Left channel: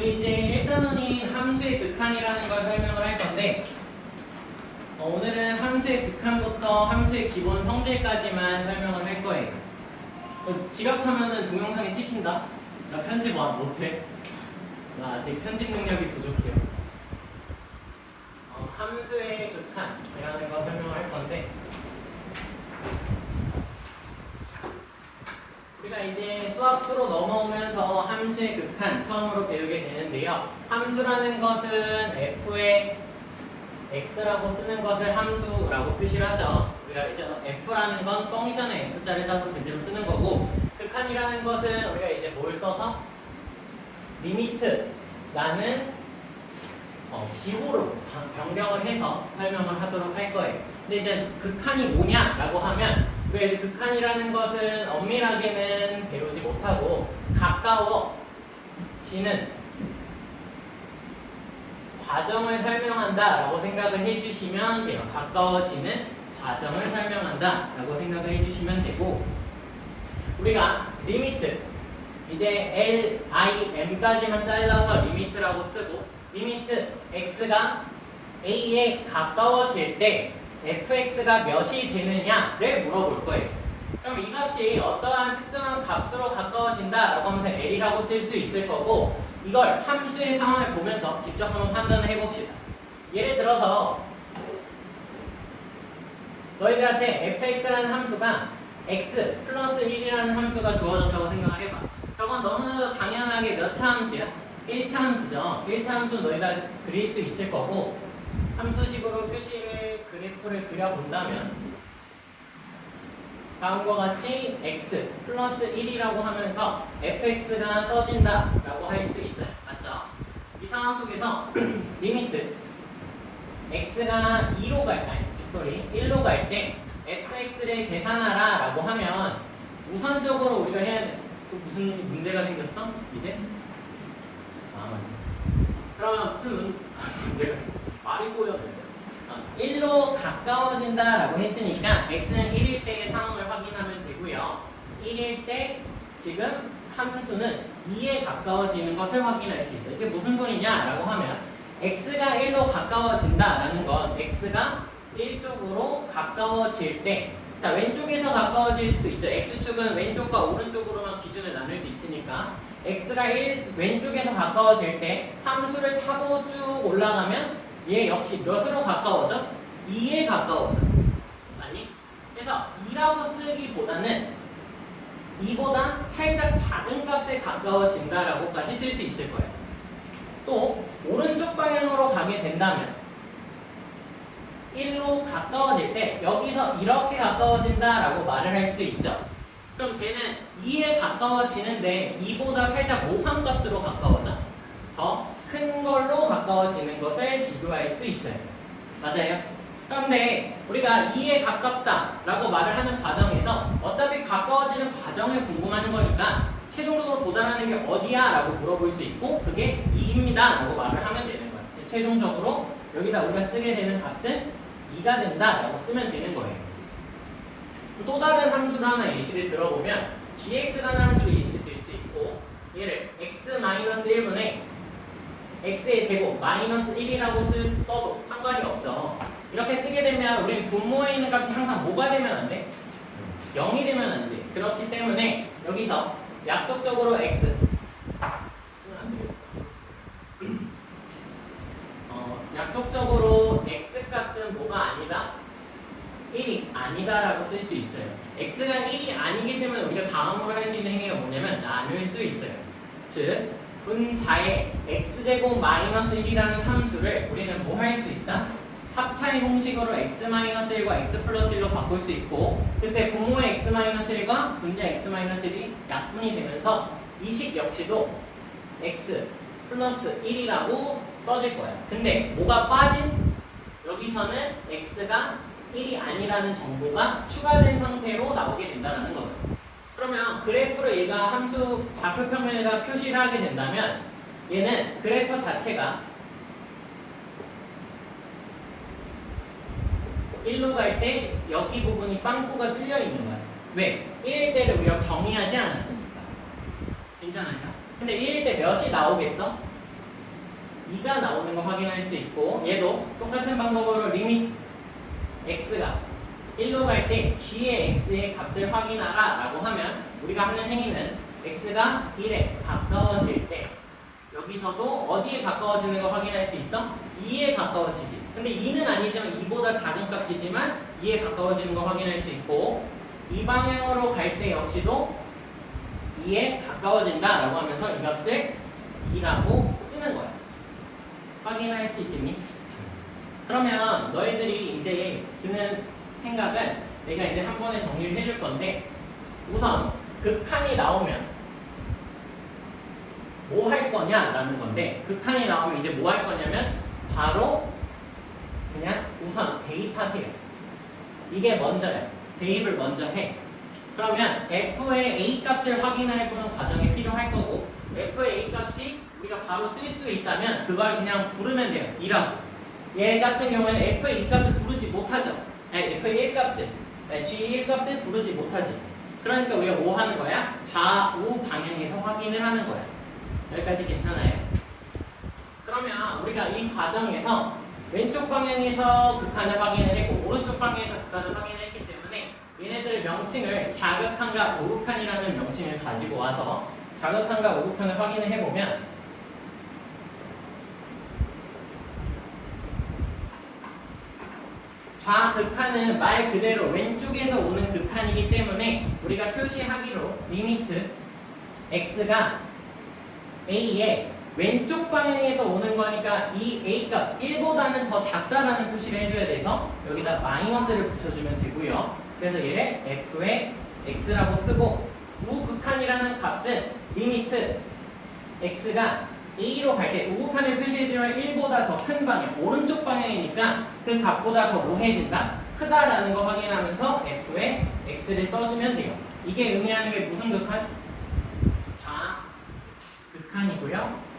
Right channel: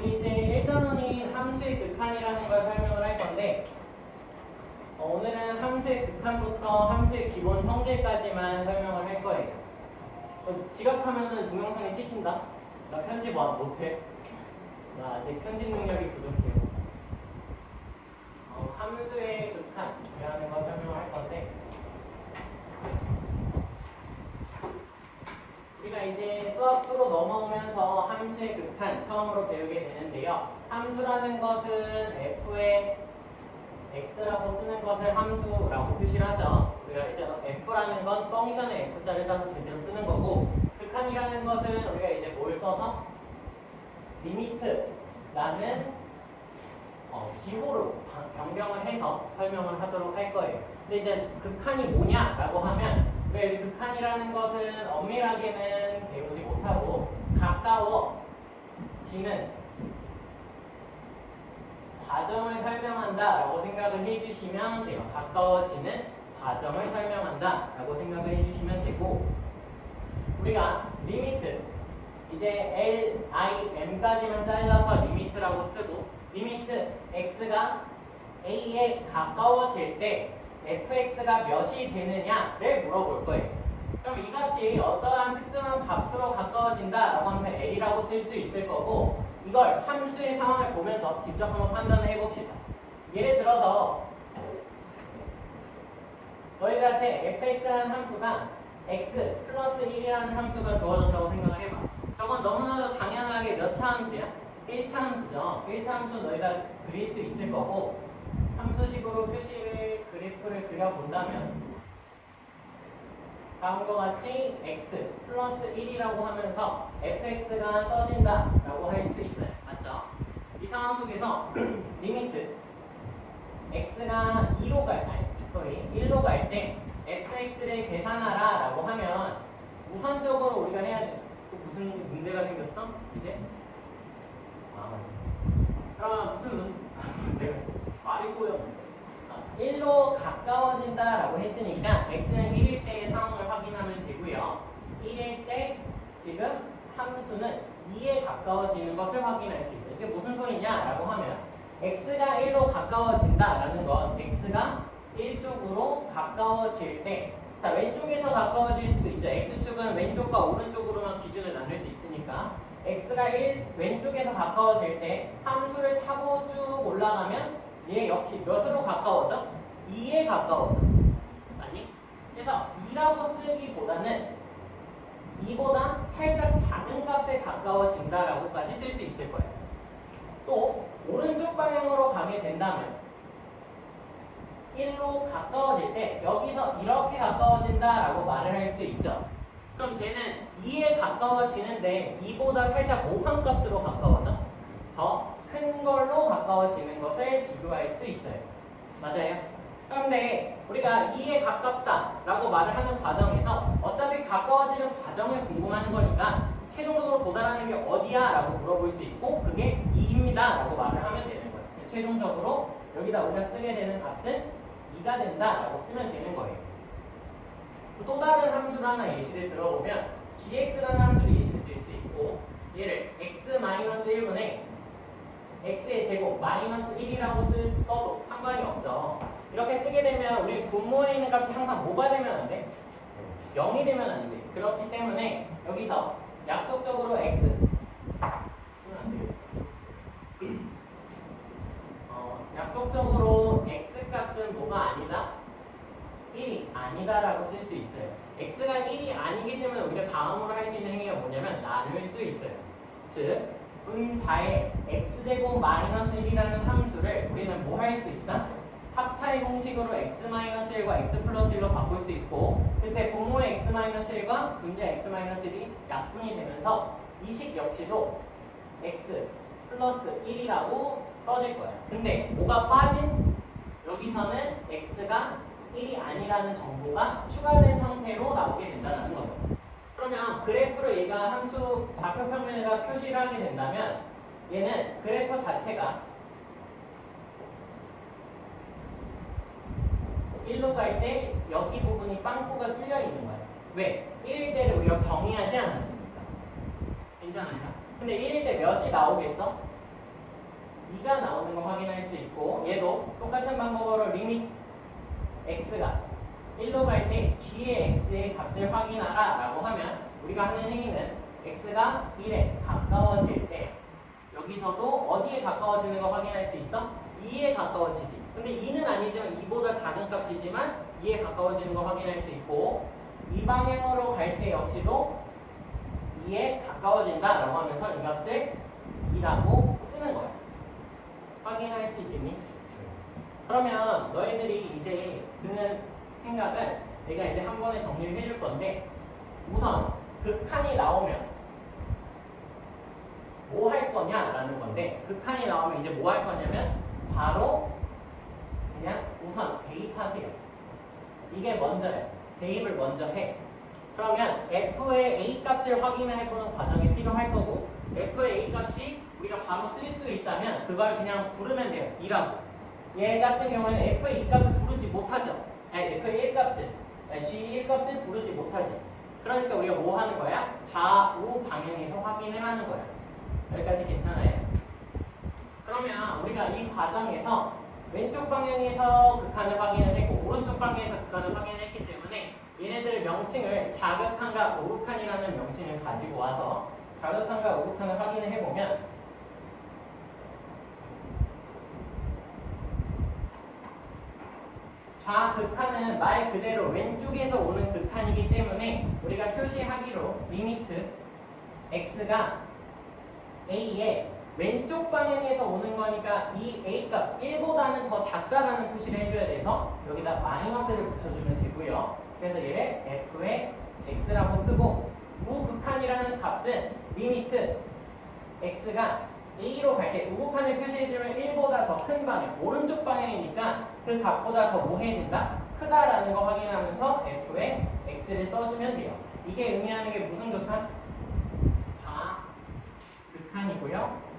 우리 이제 1단원인 함수의 극한이라는 걸 설명을 할 건데 오늘은 함수의 극한부터 함수의 기본 성질까지만 설명을 할 거예요. 지각하면은 동영상이 찍힌다? 나 편집 못해? 나 아직 편집 능력이 부족해요. 함수의 극한이라는 거 설명할 건데 우리가 이제 수학 2로 넘어오면서 함수의 극한 처음으로 배우게 되는데요. 함수라는 것은 f의 x라고 쓰는 것을 함수라고 표시를 하죠. 우리가 이제 f라는 건 펑션의 f자를 따서 그대로 쓰는 거고, 극한이라는 것은 우리가 이제 뭘 써서 리미트라는 기호로 변경을 해서 설명을 하도록 할 거예요. 근데 이제 극한이 뭐냐라고 하면 우리가 이제 극한이라는 것은 엄밀하게는 배우지 못하고 가까워지는 과정을 설명한다라고 생각을 해주시면 돼요. 가까워지는 과정을 설명한다라고 생각을 해주시면 되고, 우리가 리미트 이제 L, I, M까지만 잘라서 리미트라고 쓰고, 리미트 x가 a에 가까워질 때 fx가 몇이 되느냐를 물어볼 거예요. 그럼 이 값이 어떠한 특정한 값으로 가까워진다라고 하면서 L이라고 쓸 수 있을 거고, 이걸 함수의 상황을 보면서 직접 한번 판단을 해봅시다. 예를 들어서 너희들한테 fx라는 함수가 x 플러스 1이라는 함수가 주어졌다고 생각을 해봐. 저건 너무나도 당연하게 몇 차 함수야? 1차 함수죠. 1차 함수는 너희가 그릴 수 있을 거고, 함수식으로 표시를 그래프를 그려본다면 다음과 같이 x 플러스 1이라고 하면서 fx가 써진다라고 할 수 있어요. 맞죠? 이 상황 속에서 리미트 x가 1로 갈 때 fx를 계산하라 라고 하면 우선적으로 우리가 해야 돼. 또 무슨 문제가 생겼어? 이제? 그러면 무슨 문제가 말이 꼬여. 1로 가까워진다라고 했으니까 x는 1일 때의 상황을 확인하면 되고요. 1일 때 지금 함수는 2에 가까워지는 것을 확인할 수 있어요. 이게 무슨 소리냐라고 하면 x가 1로 가까워진다라는 건 x가 1쪽으로 가까워질 때, 자, 왼쪽에서 가까워질 수도 있죠. x축은 왼쪽과 오른쪽으로만 기준을 나눌 수 있으니까 x가 왼쪽에서 가까워질 때 함수를 타고 쭉 올라가면 얘 역시 몇으로 가까워져? 2에 가까워져. 아니? 그래서 2라고 쓰기보다는 2보다 살짝 작은 값에 가까워진다라고까지 쓸 수 있을 거예요. 또 오른쪽 방향으로 가게 된다면 1로 가까워질 때 여기서 이렇게 가까워진다라고 말을 할 수 있죠. 그럼 쟤는 2에 가까워지는데 2보다 살짝 모함값으로 가까워져. 더 큰 걸로 가까워지는 것을 비교할 수 있어요. 맞아요? 그런데 우리가 2에 가깝다라고 말을 하는 과정에서 어차피 가까워지는 과정을 궁금하는 거니까 최종적으로 도달하는 게 어디야? 라고 물어볼 수 있고, 그게 2입니다 라고 말을 하면 되는 거예요. 최종적으로 여기다 우리가 쓰게 되는 값은 2가 된다 라고 쓰면 되는 거예요. 또 다른 함수를 하나 예시를 들어보면 gx라는 함수를 예시를 들 수 있고, 얘를 x-1분의 x의 제곱 마이너스 1이라고 써도 상관이 없죠. 이렇게 쓰게 되면 우리는 분모에 있는 값이 항상 뭐가 되면 안 돼? 0이 되면 안 돼. 그렇기 때문에 여기서 약속적으로 x 쓰면 안 돼요. 약속적으로 x 값은 뭐가 아니다? 1이 아니다 라고 쓸 수 있어요. x가 1이 아니기 때문에 우리가 다음으로 할 수 있는 행위가 뭐냐면 나눌 수 있어요. 즉 분자의 x제곱 마이너스 1이라는 함수를 우리는 뭐 할 수 있다? 합차의 공식으로 x-1과 x 플러스 1로 바꿀 수 있고, 그때 분모의 x-1과 분자 x-1이 약분이 되면서 이 식 역시도 x 플러스 1이라고 써질 거야. 근데 뭐가 빠진? 여기서는 x가 1이 아니라는 정보가 추가된 상태로 나오게 된다는 거죠. 그러면 그래프를 얘가 함수 좌표평면에다 표시를 하게 된다면 얘는 그래프 자체가 1로 갈 때 여기 부분이 빵꾸가 뚫려 있는 거야. 왜? 1일 때를 우리가 정의하지 않았습니까? 괜찮아요? 근데 1일 때 몇이 나오겠어? 2가 나오는 거 확인할 수 있고 얘도 똑같은 방법으로 리미트 x가 1로 갈 때 g의 x의 값을 확인하라 라고 하면 우리가 하는 행위는 x가 1에 가까워질 때 여기서도 어디에 가까워지는 거 확인할 수 있어? 2에 가까워지지. 근데 2는 아니지만 2보다 작은 값이지만 2에 가까워지는 거 확인할 수 있고 이 방향으로 갈 때 역시도 2에 가까워진다 라고 하면서 이 값을 2라고 쓰는 거야. 확인할 수 있겠니? 그러면 너희들이 이제 드는 생각은 내가 이제 한 번에 정리를 해줄 건데 우선 극한이 나오면 뭐 할 거냐라는 건데 극한이 나오면 이제 뭐 할 거냐면 바로 그냥 우선 대입하세요. 이게 먼저야. 대입을 먼저 해. 그러면 f의 a 값을 확인해보는 과정이 필요할 거고 f의 a 값이 우리가 바로 쓸 수 있다면 그걸 그냥 부르면 돼요. 2라고. 얘 같은 경우에는 f의 2값을 부르지 못하죠. 아니, f의 1값을 g 1값을 부르지 못하지. 그러니까 우리가 뭐 하는 거야? 좌우 방향에서 확인을 하는 거야. 여기까지 괜찮아요? 그러면 우리가 이 과정에서 왼쪽 방향에서 극한을 확인을 했고 오른쪽 방향에서 극한을 확인을 했기 때문에 얘네들 명칭을 자극한과 우극한이라는 명칭을 가지고 와서 자극한과 우극한을 확인을 해보면 좌극한은 말 그대로 왼쪽에서 오는 극한이기 때문에 우리가 표시하기로 리미트 x가 a의 왼쪽 방향에서 오는 거니까 이 a값 1보다는 더 작다라는 표시를 해줘야 돼서 여기다 마이너스를 붙여주면 되고요. 그래서 얘를 f의 x라고 쓰고 우극한이라는 값은 리미트 x가 a로 갈 때 우극한을 표시해주면 1보다 더 큰 방향, 오른쪽 방향이니까 그 값보다 더 뭐해진다? 크다라는 거 확인하면서 f의 x를 써주면 돼요. 이게 의미하는 게 무슨 극한? 좌극한이고요.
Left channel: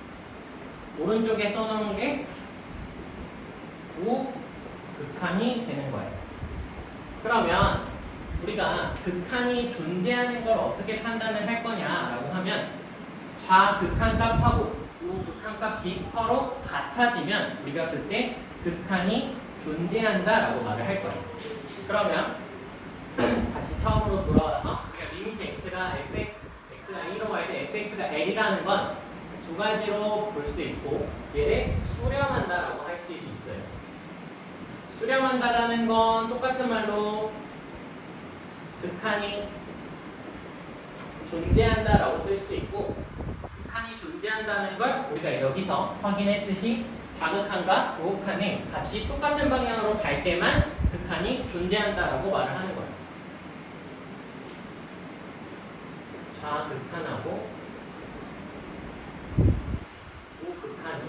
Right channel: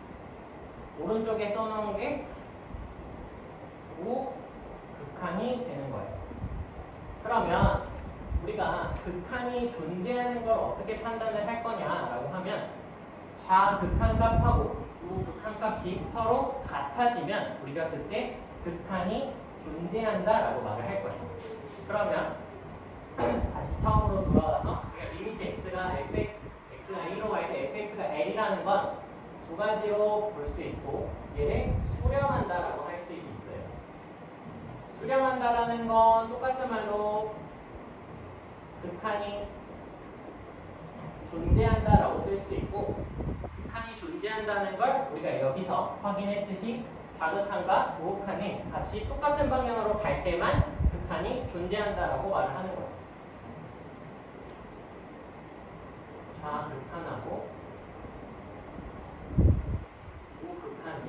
오른쪽에 써놓은 게 우극한이 되는 거예요. 그러면 우리가 극한이 존재하는 걸 어떻게 판단을 할 거냐라고 하면 좌극한 값하고 우극한 값이 서로 같아지면 우리가 그때 극한이 존재한다라고 말을 할 거예요. 그러면 다시 처음으로 돌아와서 우리가 리미트 x가 a로 갈 때 fx가 l이라는 건 두 가지로 볼 수 있고 얘를 수렴한다라고 할 수 있어요. 수렴한다라는 건 똑같은 말로 극한이 존재한다라고 쓸 수 있고 극한이 존재한다는 걸 우리가 여기서 확인했듯이 자극한과 우극한의 값이 똑같은 방향으로 갈 때만 극한이 존재한다라고 말을 하는 거예요. 좌극한하고 우극한이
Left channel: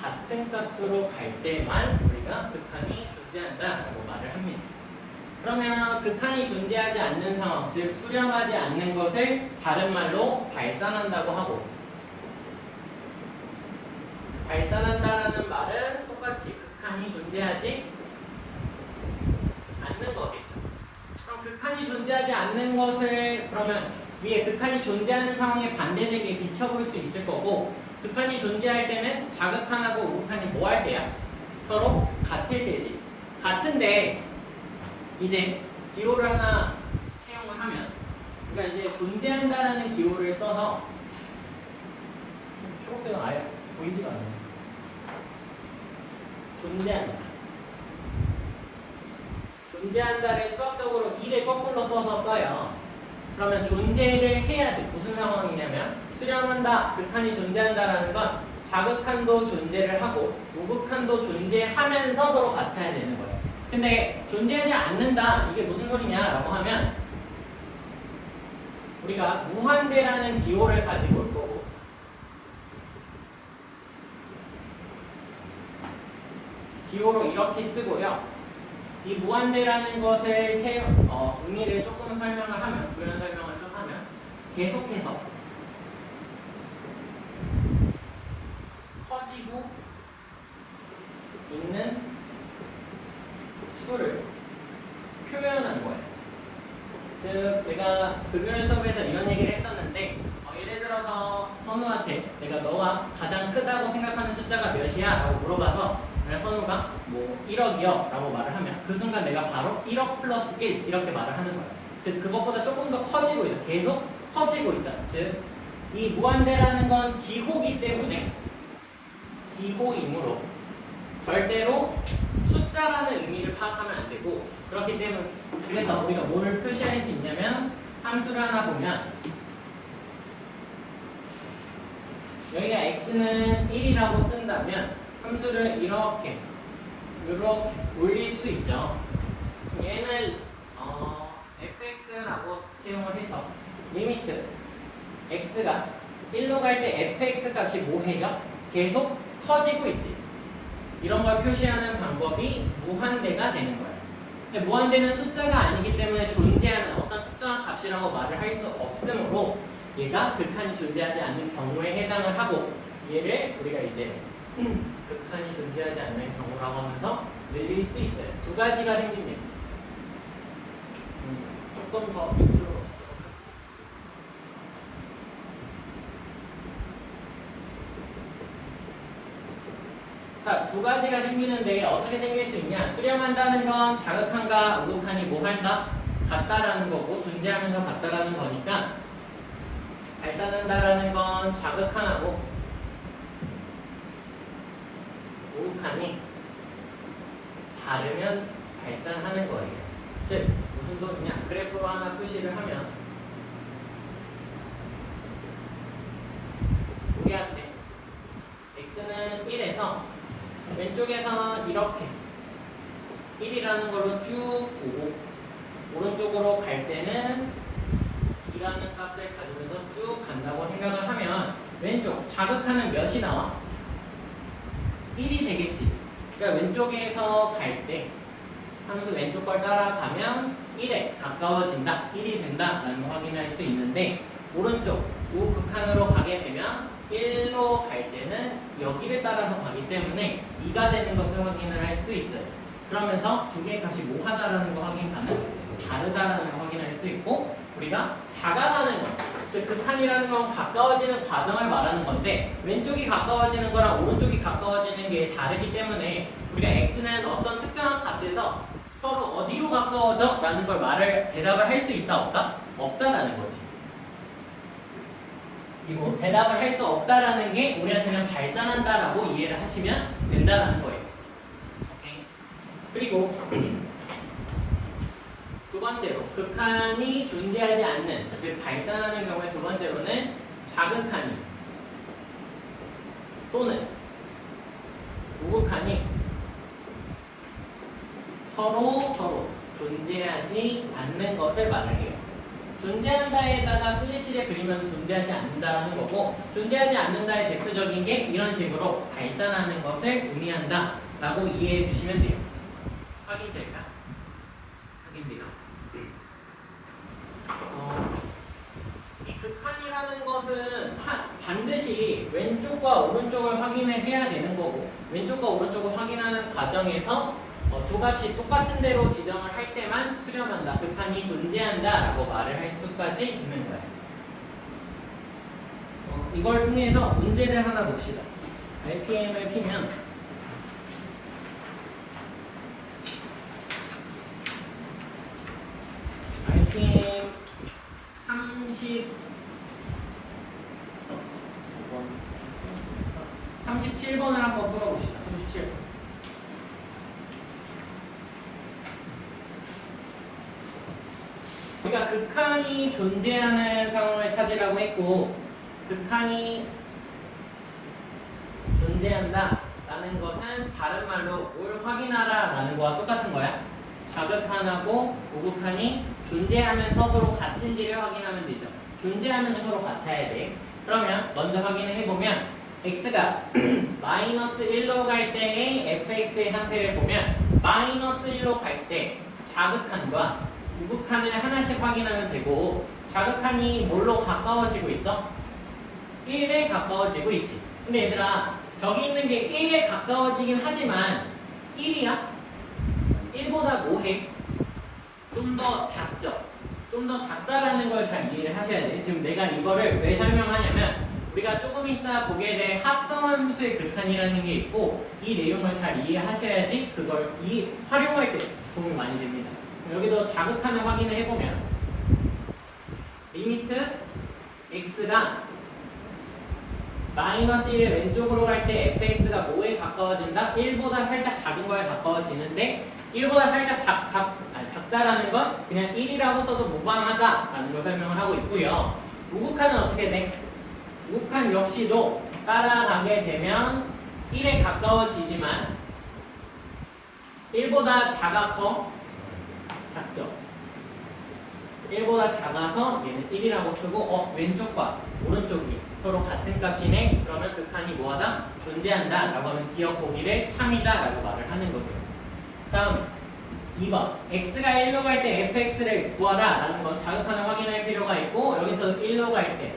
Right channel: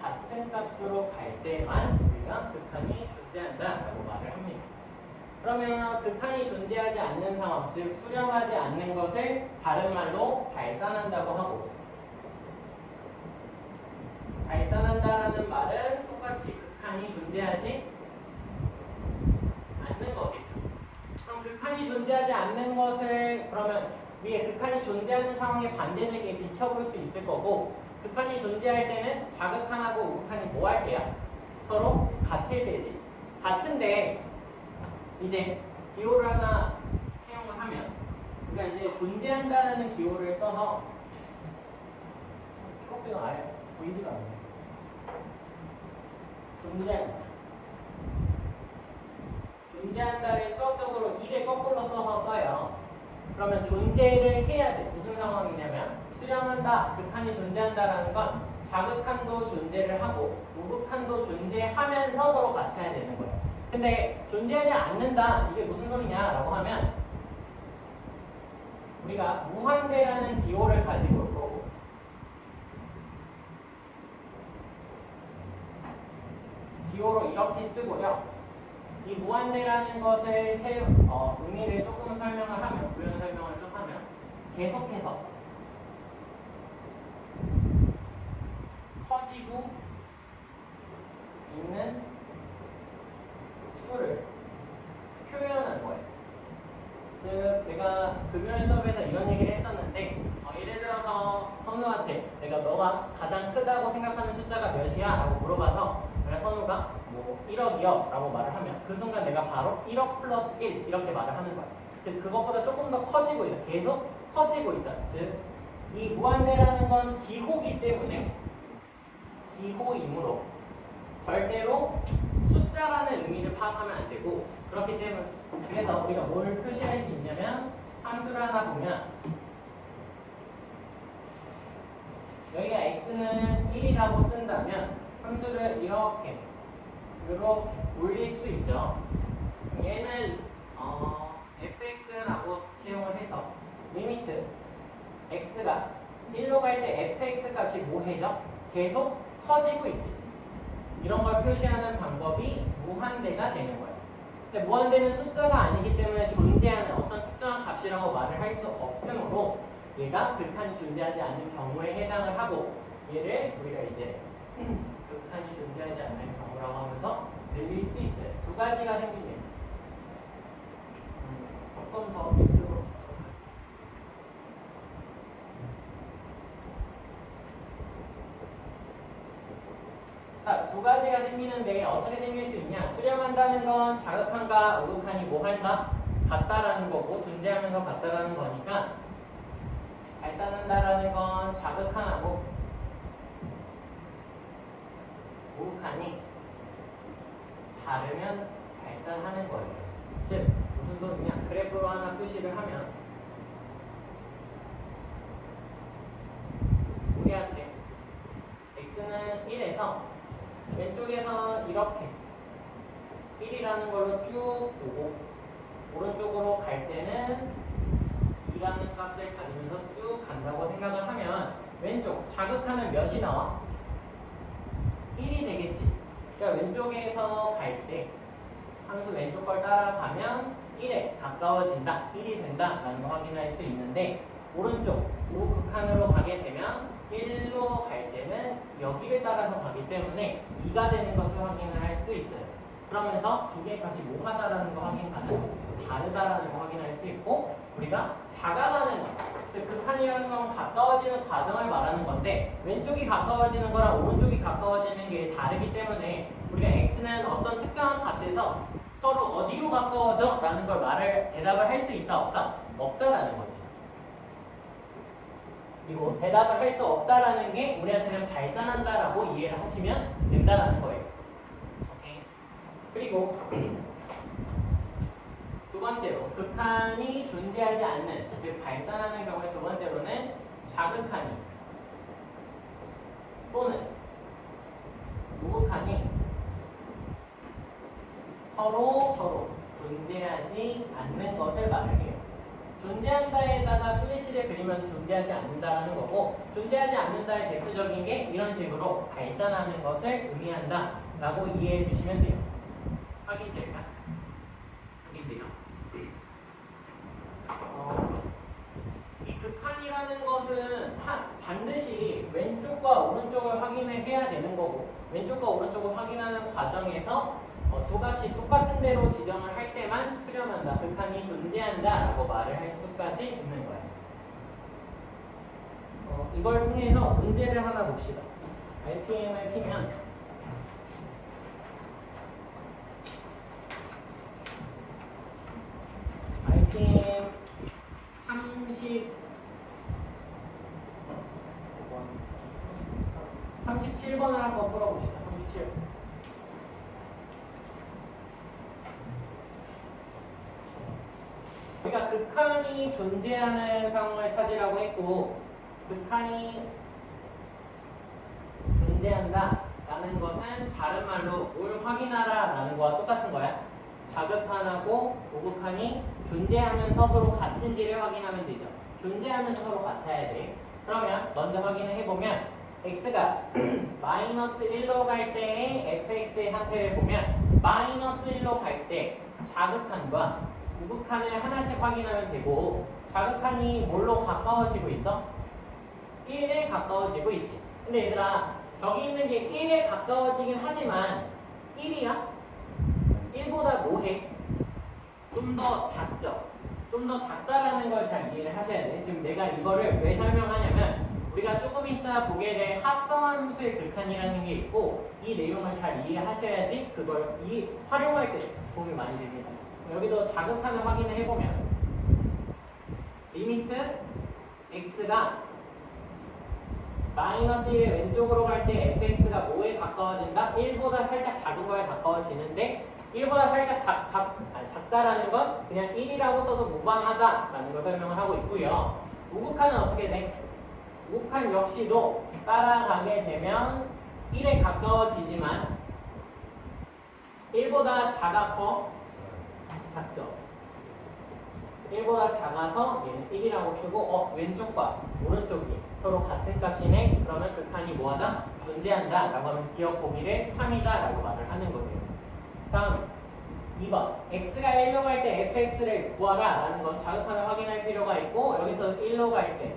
같은 값으로 갈 때만 우리가 극한이 존재한다라고 말을 합니다. 그러면 극한이 존재하지 않는 상황, 즉 수렴하지 않는 것을 다른 말로 발산한다고 하고 발산한다라는 말은 똑같이 극한이 존재하지 않는 거겠죠. 그럼 극한이 존재하지 않는 것을 그러면 위에 극한이 존재하는 상황에 반대되게 비춰볼 수 있을 거고 극한이 존재할 때는 자극한하고 우극한이 뭐 할 때야? 서로 같을 때지. 같은데 이제 기호를 하나 채용을 하면 그러니까 이제 존재한다라는 기호를 써서 초록색은 아예 보이지가 않아요. 존재한다를 수학적으로 2를 거꾸로 써서 써요. 그러면 존재를 해야 돼. 무슨 상황이냐면 수렴한다, 극한이 존재한다라는 건 자극한도 존재를 하고 우극한도 존재하면서 서로 같아야 되는 거예요. 근데 존재하지 않는다, 이게 무슨 소리냐라고 하면 우리가 무한대라는 기호를 가지고 올 거고 기호로 이렇게 쓰고요. 이 무한대라는 것을 의미를 조금 설명을 하면, 부연 설명을 좀 하면 계속해서 커지고 있는 수를 표현한 거예요. 즉 내가 급여연 수업에서 이런 얘기를 했었는데 예를 들어서 선우한테 내가 너가 가장 크다고 생각하는 숫자가 몇이야? 라고 물어봐서 만약 선우가 뭐 1억이요 라고 말을 하면 그 순간 내가 바로 1억 플러스 1 이렇게 말을 하는 거야. 즉 그것보다 조금 더 커지고 있다. 계속 커지고 있다. 즉 이 무한대라는 건 기호기 때문에 기호이므로 절대로 숫자라는 의미를 파악하면 안 되고 그렇기 때문에 그래서 우리가 뭘 표시할 수 있냐면 함수를 하나 보면 여기가 x는 1이라고 쓴다면 함수를 이렇게 올릴 수 있죠. 얘는 fx라고 채용을 해서 리미트 x가 1로 갈 때 fx 값이 뭐해져? 계속 커지고 있지. 이런 걸 표시하는 방법이 무한대가 되는 거예요. 근데 무한대는 숫자가 아니기 때문에 존재하는 어떤 특정한 값이라고 말을 할 수 없으므로 얘가 극한이 존재하지 않는 경우에 해당을 하고 얘를 우리가 이제 극한이 존재하지 않는 경우라고 하면서 늘릴 수 있어요. 두 가지가 생깁니다. 조금 더 밑으로 자, 두 가지가 생기는데 어떻게 생길 수 있냐? 수렴한다는 건 자극한과 우극한이 뭐 한다? 같다라는 거고 존재하면서 같다라는 거니까 발산한다라는 건 자극한하고 우극한이 다르면 발산하는 거예요. 즉 무슨 소리냐? 그래프로 하나 표시를 하면 우리한테 x는 1에서 왼쪽에서는 이렇게 1이라는 걸로 쭉 보고 오른쪽으로 갈 때는 2라는 값을 가지면서 쭉 간다고 생각을 하면 왼쪽 자극하는 몇이 나와? 1이 되겠지. 그러니까 왼쪽에서 갈 때 함수 왼쪽 걸 따라가면 1에 가까워진다, 1이 된다라는 걸 확인할 수 있는데 오른쪽 우극한으로 가게 되면 1로 갈 때는 여기를 따라서 가기 때문에 2가 되는 것을 확인을 할 수 있어요. 그러면서 두 개의 값이 뭐하다라는 거 확인하는 다르다라는 걸 확인할 수 있고 우리가 다가가는 것, 즉 극한이라는 건 가까워지는 과정을 말하는 건데 왼쪽이 가까워지는 거랑 오른쪽이 가까워지는 게 다르기 때문에 우리가 x는 어떤 특정한 값에서 서로 어디로 가까워져? 라는 걸 대답을 할 수 있다 없다? 없다라는 거지. 그리고 대답을 할 수 없다라는 게 우리한테는 발산한다라고 이해를 하시면 된다라는 거예요. 오케이. 그리고 두 번째로 극한이 존재하지 않는, 즉 발산하는 경우에 두 번째로는 자극한이 또는 우극한이 서로 존재하지 않는 것을 말을 해요. 존재한다에다가 수제실에 그리면 존재하지 않는다라는 거고 존재하지 않는다의 대표적인 게 이런 식으로 발산하는 것을 의미한다 라고 이해해 주시면 돼요. 확인될까? 확인돼요? 이 극한이라는 것은 반드시 왼쪽과 오른쪽을 확인을 해야 되는 거고 왼쪽과 오른쪽을 확인하는 과정에서 두 값이 똑같은 대로 지정을 할 때만 수렴한다. 극한이 존재한다 라고 말을 할 수까지 있는 거예요. 이걸 통해서 문제를 하나 봅시다. RPM을 피면 RPM 37번을 한번 풀어봅시다. 37번. 우리가 극한이 존재하는 상황을 찾으라고 했고 극한이 존재한다라는 것은 다른 말로 뭘 확인하라라는 거와 똑같은 거야. 자극한하고 우극한이 존재하면서 서로 같은지를 확인하면 되죠. 존재하면서 서로 같아야 돼. 그러면 먼저 확인을 해보면 x가 마이너스 1로 갈 때의 fx의 상태를 보면 마이너스 1로 갈 때 자극한과 우극한을 하나씩 확인하면 되고 자극한이 뭘로 가까워지고 있어? 1에 가까워지고 있지. 근데 얘들아 저기 있는 게 1에 가까워지긴 하지만 1이야? 1보다 뭐해? 좀 더 작죠? 좀 더 작다라는 걸 잘 이해를 하셔야 돼. 지금 내가 이거를 왜 설명하냐면 우리가 조금 이따 보게 될 합성함수의 극한이라는 게 있고 이 내용을 잘 이해하셔야지 그걸 활용할 때 도움이 많이 됩니다. 여기도 자극하는 확인을 해보면 리미트 x가 마이너스 1의 왼쪽으로 갈 때 fx가 뭐에 가까워진다? 1보다 살짝 작은 거에 가까워지는데 1보다 살짝 작다라는 건 그냥 1이라고 써도 무방하다라는 걸 설명을 하고 있고요. 우극한은 어떻게 돼? 우극한 역시도 따라가게 되면 1에 가까워지지만 1보다 작아 작죠? 1보다 작아서 얘는 1이라고 쓰고 왼쪽과 오른쪽이 서로 같은 값이네? 그러면 극한이 뭐하다? 존재한다 라고 하면 기억 보기를 참이다 라고 말을 하는 거예요. 다음 2번 x가 1로 갈 때 fx를 구하라 라는 건 자극하는 확인할 필요가 있고 여기서 1로 갈 때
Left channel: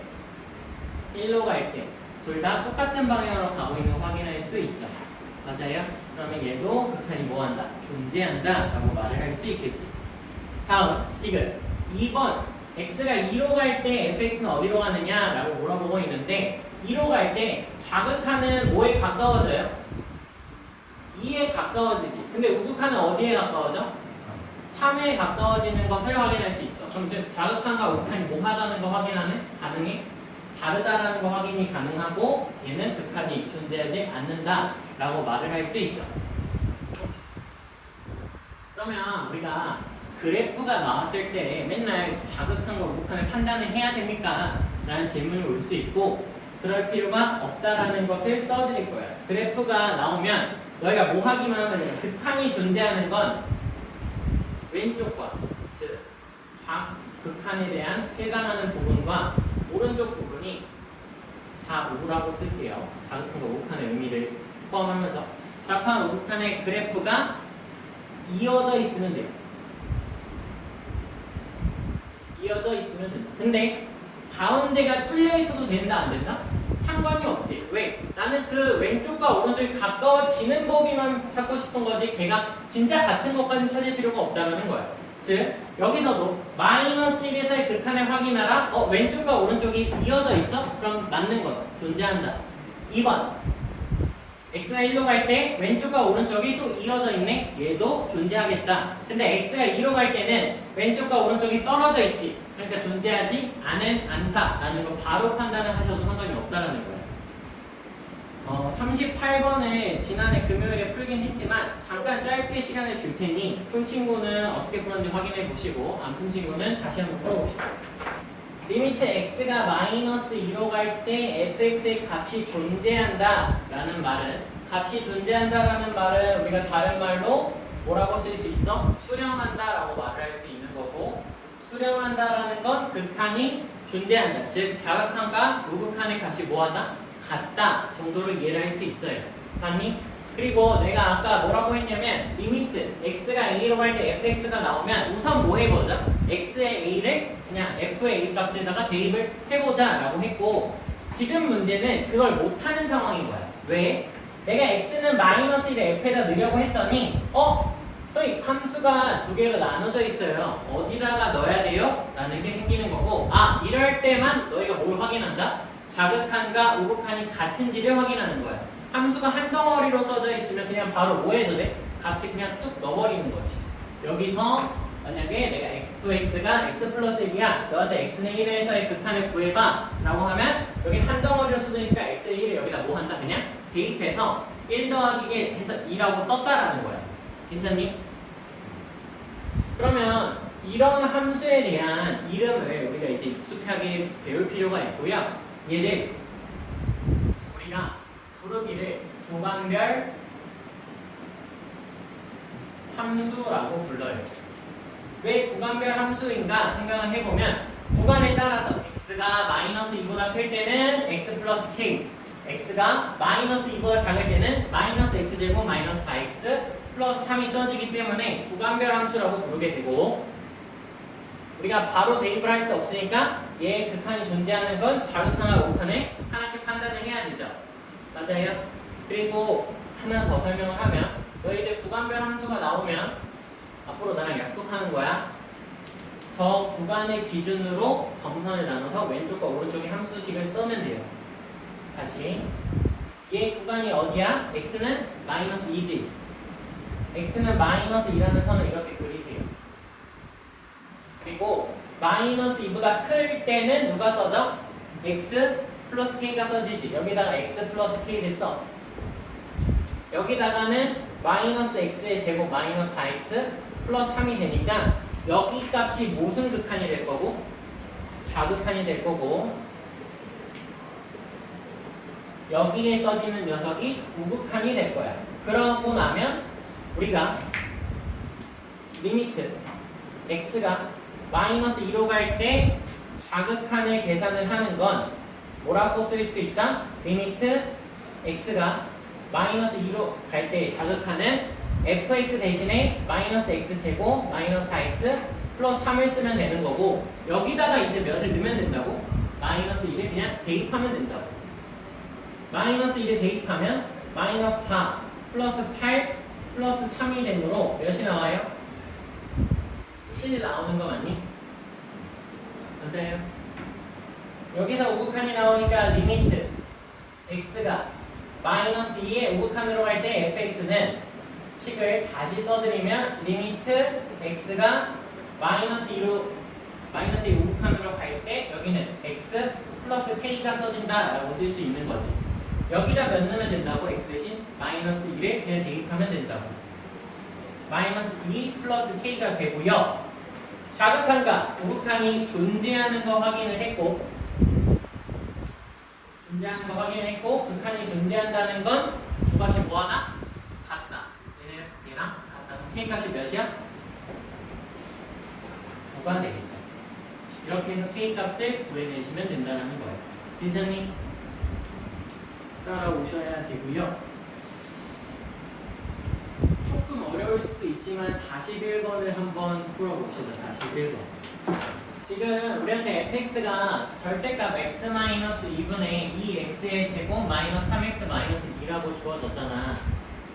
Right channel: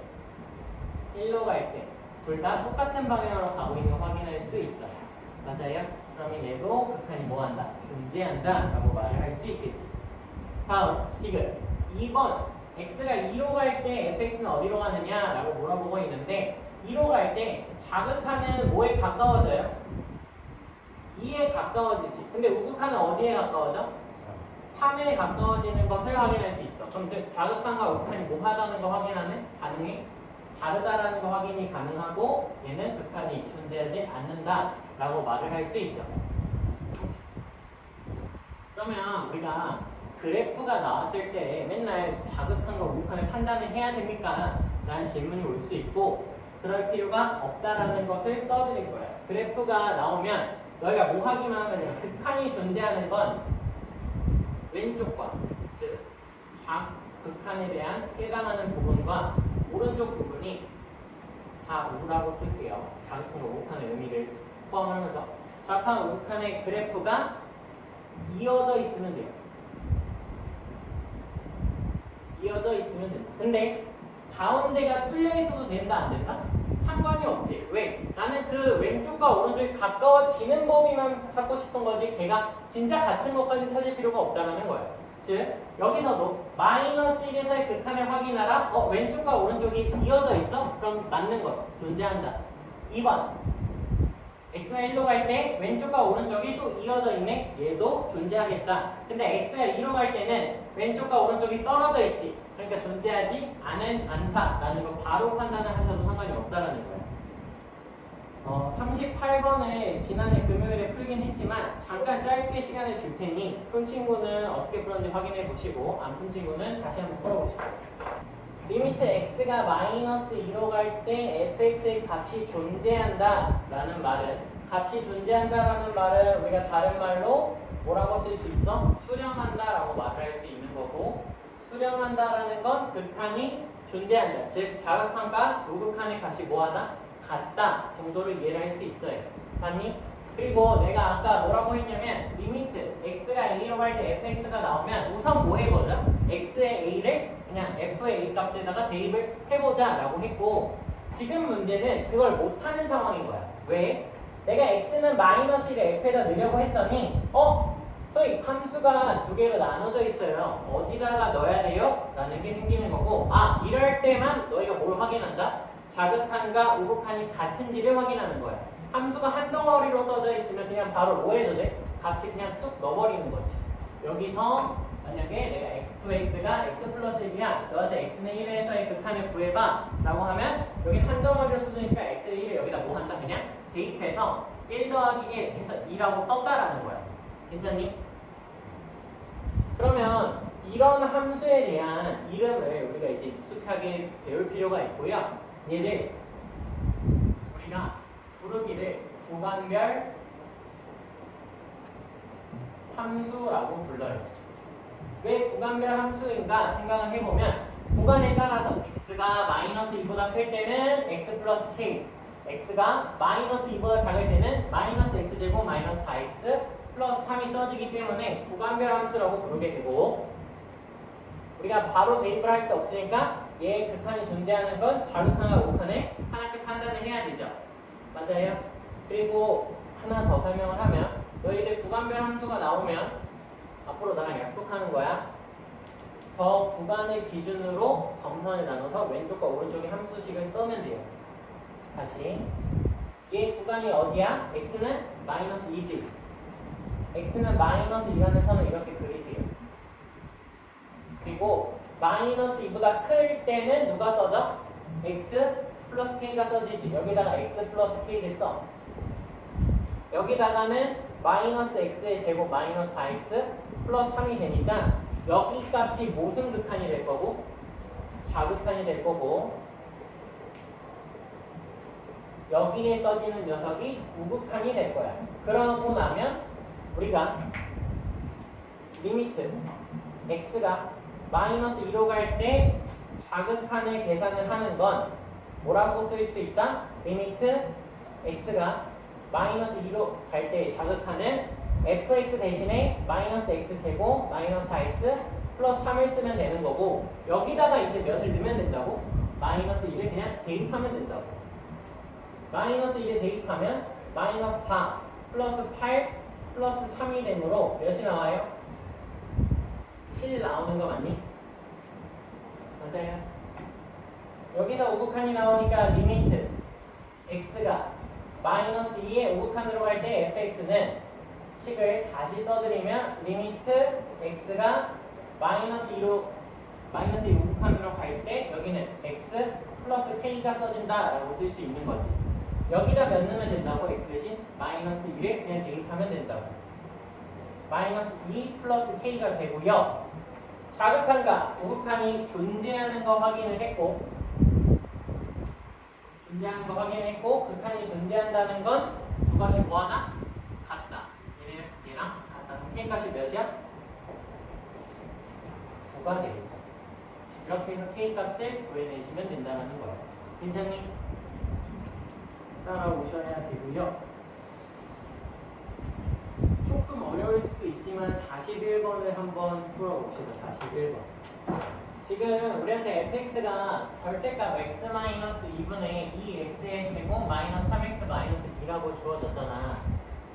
둘 다 똑같은 방향으로 가고 있는 거 확인할 수 있죠. 맞아요? 그러면 얘도 극한이 뭐한다? 존재한다 라고 말을 할 수 있겠지. 다음 디귿 2번 x가 2로 갈 때 fx는 어디로 가느냐 라고 물어보고 있는데 2로 갈 때 자극하는 뭐에 가까워져요? 2에 가까워지지. 근데 우극한은 어디에 가까워져? 3에 가까워지는 것을 확인할 수 있어. 그럼 즉 자극한과 우극한이 뭐하다는 거 확인하는? 가능해? 다르다라는 거 확인이 가능하고 얘는 극한이 존재하지 않는다 라고 말을 할 수 있죠. 그러면 우리가 그래프가 나왔을 때 맨날 자극한과 우극한을 판단을 해야 됩니까? 라는 질문이 올 수 있고 그럴 필요가 없다라는 것을 써드릴 거예요. 그래프가 나오면 너희가 뭐 하기만 하면 극한이 존재하는 건 왼쪽과 즉 극한에 대한 해당하는 부분과 오른쪽 부분이 좌우라고 쓸게요. 자극한과 우극한의 의미를 포함하면서 자극한 우극한의 그래프가 이어져 있으면 돼요. 이어져 있으면 된다. 근데 가운데가 뚫려 있어도 된다 안 된다? 상관이 없지. 왜? 나는 그 왼쪽과 오른쪽이 가까워지는 법이만 찾고 싶은 거지 걔가 진짜 같은 것까지는 찾을 필요가 없다는 거야. 즉 여기서도 마이너스 1에서의 극한을 확인하라. 왼쪽과 오른쪽이 이어져 있어? 그럼 맞는 거죠. 존재한다. 2번 x가 1로 갈 때 왼쪽과 오른쪽이 또 이어져 있네? 얘도 존재하겠다. 근데 x가 2로 갈 때는 왼쪽과 오른쪽이 떨어져 있지. 그러니까 존재하지 않다라는 거 바로 판단을 하셔도 상관이 없다라는 거예요. 38번을 지난해 금요일에 풀긴 했지만 잠깐 짧게 시간을 줄 테니 푼 친구는 어떻게 풀었는지 확인해 보시고 안 푼 친구는 다시 한번 풀어보시고 리미트 x가 마이너스 2로 갈 때 fx의 값이 존재한다 라는 말은 값이 존재한다라는 말은 우리가 다른 말로 뭐라고 쓸 수 있어? 수렴한다 라고 말을 할 수 있는 거고 수렴한다라는 건 극한이 존재한다. 즉 자극한과 우극한의 값이 뭐하다? 같다 정도로 이해를 할 수 있어요. 아니? 그리고 내가 아까 뭐라고 했냐면 리미트 x가 a로 갈 때 fx가 나오면 우선 뭐 해보자? x의 a를 그냥 f의 a 값에다가 대입을 해보자 라고 했고 지금 문제는 그걸 못하는 상황인 거야. 왜? 내가 x는 마이너스 1에 f에다 넣으려고 했더니 저희 함수가 두 개로 나눠져 있어요. 어디다가 넣어야 돼요? 라는 게 생기는 거고 이럴 때만 너희가 뭘 확인한다? 자극한과 우극한이 같은지를 확인하는 거야. 함수가 한 덩어리로 써져 있으면 그냥 바로 뭐 해도 돼? 값이 그냥 뚝 넣어버리는 거지. 여기서 만약에 내가 fx가 x 플러스 1이야. 너한테 x는 1에서의 극한을 구해봐 라고 하면 여기 한 덩어리로 써두니까 x의 1을 여기다 뭐 한다? 그냥 대입해서 1 더하기 1 해서 2라고 썼다라는 거야. 괜찮니? 그러면 이런 함수에 대한 이름을 우리가 이제 익숙하게 배울 필요가 있고요. 얘를 우리가 부르기를 구간별 함수라고 불러요. 왜 구간별 함수인가 생각을 해보면 구간에 따라서 x가 마이너스 2보다 클 때는 x 플러스 k x가 마이너스 2보다 작을 때는 마이너스 x제곱 마이너스 4x 플러스 3이 써지기 때문에 구간별 함수라고 부르게 되고 우리가 바로 대입을 할 수 없으니까 얘의 극한이 존재하는 건 자극한과 우극한에 하나씩 판단을 해야 되죠. 맞아요? 그리고 하나 더 설명을 하면 너희들 구간별 함수가 나오면 앞으로 나랑 약속하는 거야. 저 구간의 기준으로 점선을 나눠서 왼쪽과 오른쪽의 함수식을 쓰면 돼요. 다시 얘 구간이 어디야? x는 마이너스 2지. x는 마이너스 2라는 선을 이렇게 그리세요. 그리고 마이너스 2보다 클 때는 누가 써져? x 플러스 k가 써지지. 여기다가 x 플러스 k를 써. 여기다가는 마이너스 x의 제곱 마이너스 4x 플러스 3이 되니까 여기 값이 무슨 극한이 될 거고? 좌극한이 될 거고, 여기에 써지는 녀석이 우극한이 될 거야. 그러고 나면 우리가 리미트 x가 마이너스 2로 갈 때 좌극한을 계산을 하는 건 뭐라고 쓸 수 있다? 리미트 x가 마이너스 2로 갈 때 좌극한은 fx 대신에 마이너스 x제곱 마이너스 4x 플러스 3을 쓰면 되는 거고, 여기다가 이제 몇을 넣으면 된다고? 마이너스 1을 그냥 대입하면 된다고. 마이너스 1을 대입하면 마이너스 4 플러스 8 플러스 3이 되므로 몇이 나와요? 7 나오는 거 맞니? 맞아요. 여기서 우극한이 나오니까 리미트 x가 마이너스 2의 우극한으로 갈 때 fx는 식을 다시 써드리면 리미트 x가 마이너스 2로 마이너스 2 우극한으로 갈 때 여기는 x 플러스 k가 써진다 라고 쓸 수 있는 거지. 여기다 몇 넣으면 된다고? x 대신 마이너스 2를 그냥 대입하면 된다고. 마이너스 2 플러스 k가 되고요. 좌극한과 우극한이 존재하는 거 확인을 했고, 극한이 존재한다는 건 두 값이 뭐하나? 같다. 얘랑 같다. k 값이 몇이야? 9가 되겠죠. 이렇게 해서 k 값을 구해내시면 된다는 거예요. 괜찮니? 따라오셔야 되고요. 조금 어려울 수 있지만 41번을 한번 풀어봅시다. 41번. 지금 우리한테 fx가 절대값 x-2분의 2x의 제곱 마이너스 3x 마이너스 2라고 주어졌잖아.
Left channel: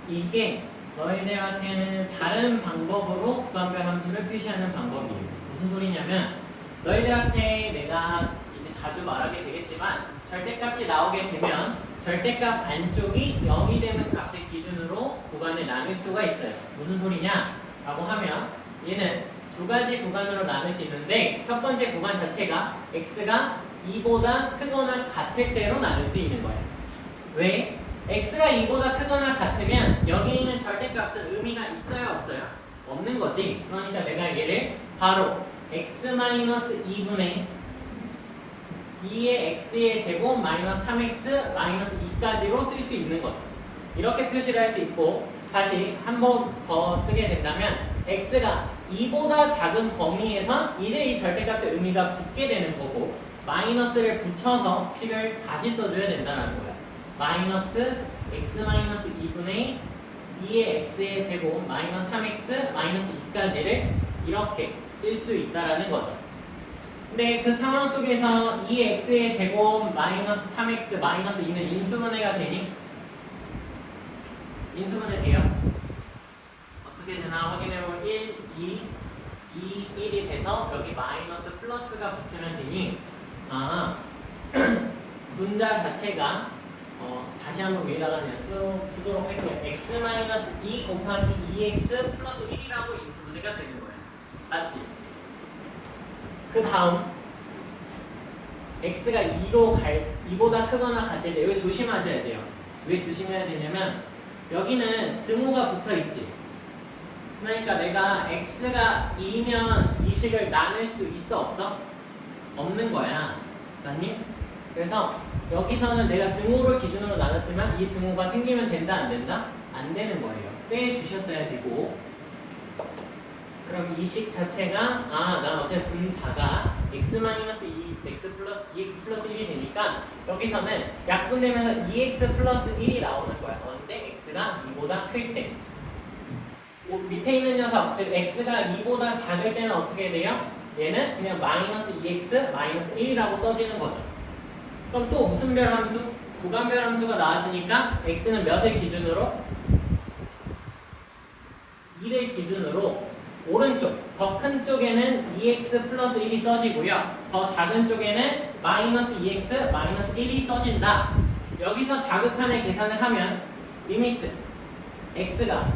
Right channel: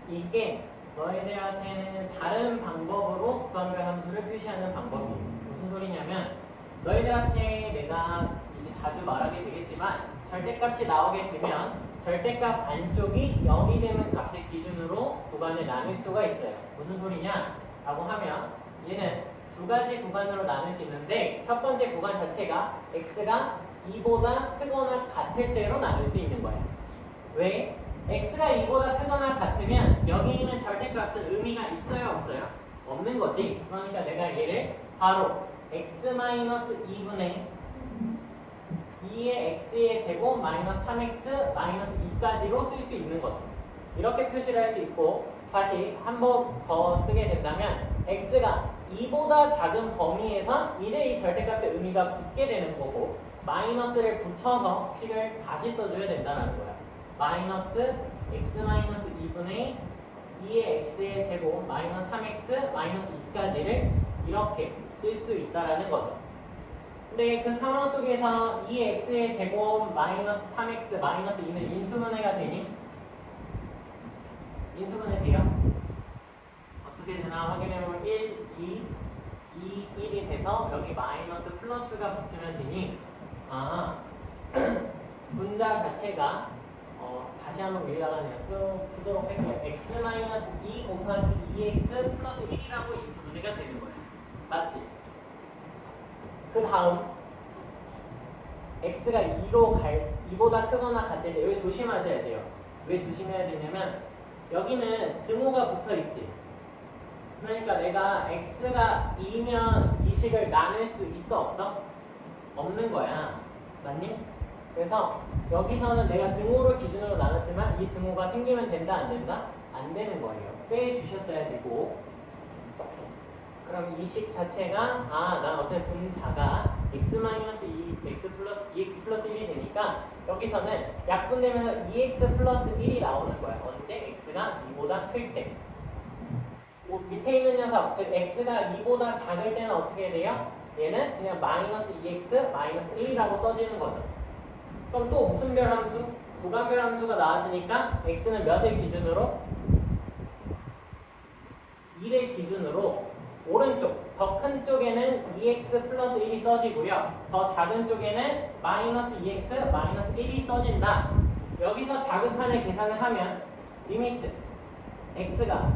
이게 너희들한테는 다른 방법으로 구간별 함수를 표시하는 방법이에요. 무슨 소리냐면, 너희들한테 내가 이제 자주 말하게 되겠지만 절대값이 나오게 되면 절대값 안쪽이 0이 되는 값을 기준으로 구간을 나눌 수가 있어요. 무슨 소리냐? 라고 하면 얘는 두 가지 구간으로 나눌 수 있는데, 첫 번째 구간 자체가 x가 2보다 크거나 같을 때로 나눌 수 있는 거예요. 왜? x가 2보다 크거나 같으면 여기 있는 절대값은 의미가 있어요, 없어요? 없는 거지. 그러니까 내가 얘를 바로 x-2분의 2의 x의 제곱 마이너스 3x 마이너스 2까지로 쓸 수 있는 거죠. 이렇게 표시를 할 수 있고, 다시 한 번 더 쓰게 된다면 x가 2보다 작은 범위에서 이제 이 절대값의 의미가 붙게 되는 거고, 마이너스를 붙여서 식을 다시 써줘야 된다는 거예요. 마이너스 x-2분의 2의 x의 제곱 마이너스 3x 마이너스 2까지를 이렇게 쓸 수 있다는 거죠. 근데 그 상황 속에서 2x의 제곱 마이너스 3x 마이너스 2는 인수분해가 되니? 인수분해 돼요? 어떻게 되나 확인해보면 1, 2, 1이 돼서 여기 마이너스 플러스가 붙으면 되니, 분자 자체가 다시 한번 위에다가 쓰도록 할게요. x-2 곱하기 2x 플러스 1이라고 인수분해가 되는 거예요. 맞지? 그 다음 x가 2보다 크거나 같을 때 여기 조심하셔야 돼요. 왜 조심해야 되냐면 여기는 등호가 붙어있지. 그러니까 내가 x가 2면 이 식을 나눌 수 있어, 없어? 없는 거야. 맞니? 그래서 여기서는 내가 등호를 기준으로 나눴지만 이 등호가 생기면 된다, 안 된다? 안 되는 거예요. 빼주셨어야 되고, 그럼 이 식 자체가 난 어차피 분자가 x-2, x 플러스 1이 되니까 여기서는 약분되면서 2x 플러스 1이 나오는 거야. 언제? x가 2보다 클 때. 밑에 있는 녀석, 즉 x가 2보다 작을 때는 어떻게 돼요? 얘는 그냥 마이너스 2x 마이너스 1이라고 써지는 거죠. 그럼 또 무슨 별 함수? 구간별 함수가 나왔으니까 x는 몇을 기준으로? 2를 기준으로 오른쪽, 더 큰 쪽에는 2x 플러스 1이 써지고요. 더 작은 쪽에는 마이너스 2x 마이너스 1이 써진다. 여기서 자극한을 계산을 하면 리미트 x가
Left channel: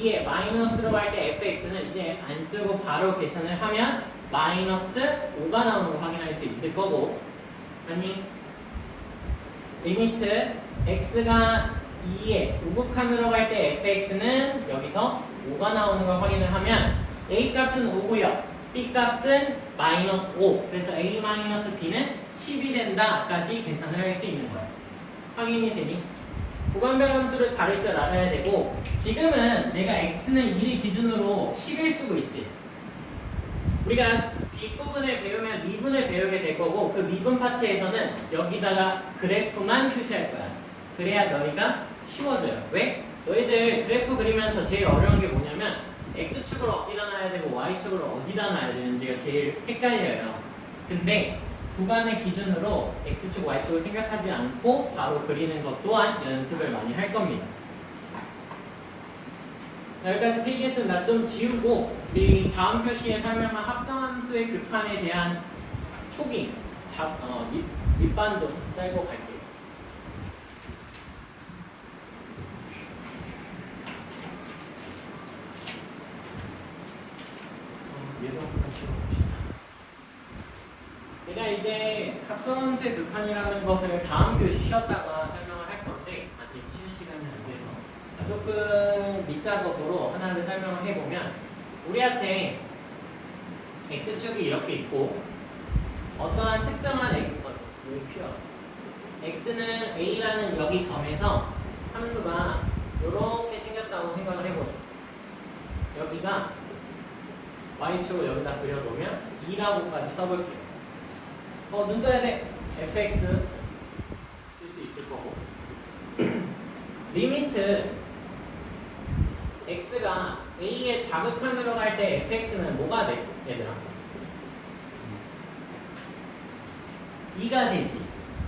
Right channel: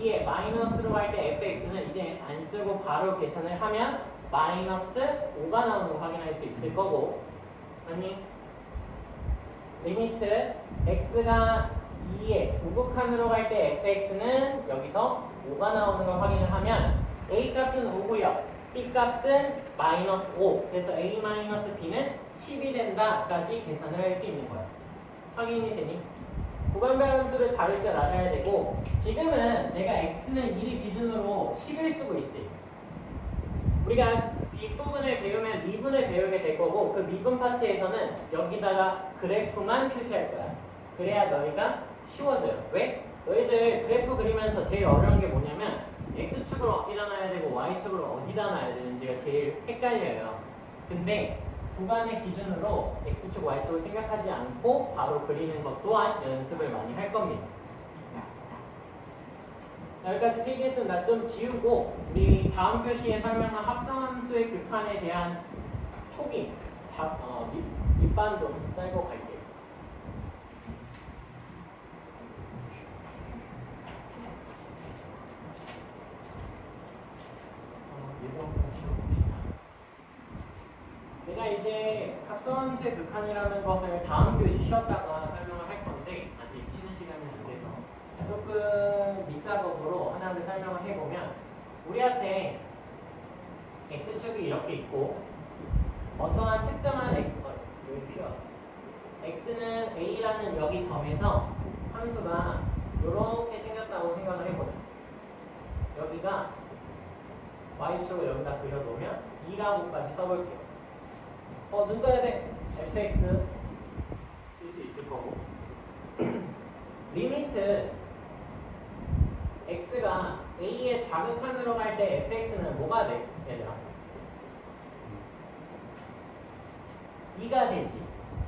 2에 마이너스로 갈 때 fx는 이제 안 쓰고 바로 계산을 하면 마이너스 5가 나오는 걸 확인할 수 있을 거고, 아니 리미트 x가 2에 우극한으로 갈 때 fx는 여기서 5가 나오는 걸 확인을 하면 a 값은 5고요. b 값은 마이너스 5. 그래서 a 마이너스 b는 10이 된다까지 계산을 할 수 있는 거예요. 확인이 되니? 구간별 함수를 다룰 줄 알아야 되고, 지금은 내가 x는 1을 기준으로 10을 쓰고 있지. 우리가 뒷부분을 배우면 미분을 배우게 될 거고, 그 미분 파트에서는 여기다가 그래프만 표시할 거야. 그래야 너희가 쉬워져요. 왜? 너희들 그래프 그리면서 제일 어려운 게 뭐냐면 x축을 어디다 놔야 되고 y축을 어디다 놔야 되는지가 제일 헷갈려요. 근데 구간의 기준으로 x축, y축을 생각하지 않고 바로 그리는 것 또한 연습을 많이 할 겁니다. 여기까지 페이지에서는 나 좀 지우고 우리 다음 표시에 설명한 합성함수의 급한에 대한 초기, 밑반 좀 짧고 갈게요. 내가 이제 합성함수의 급한이라는 것을 다음 교시 쉬었다가 설명을 할 건데 아직 쉬는 시간이 안 돼서 조금 밑작업으로 하나를 설명을 해보면, 우리한테 x축이 이렇게 있고 어떠한 특정한 x는 a라는 여기 점에서 함수가 이렇게 생겼다고 생각을 해보죠. 여기가 y축을 여기다 그려놓으면 2라고까지 써볼게요. 눈 떠야 돼. fx 쓸 수 있을 거고 리미트 x가 a의 자극한으로 갈 때 fx는 뭐가 돼? 얘들아 2가 되지.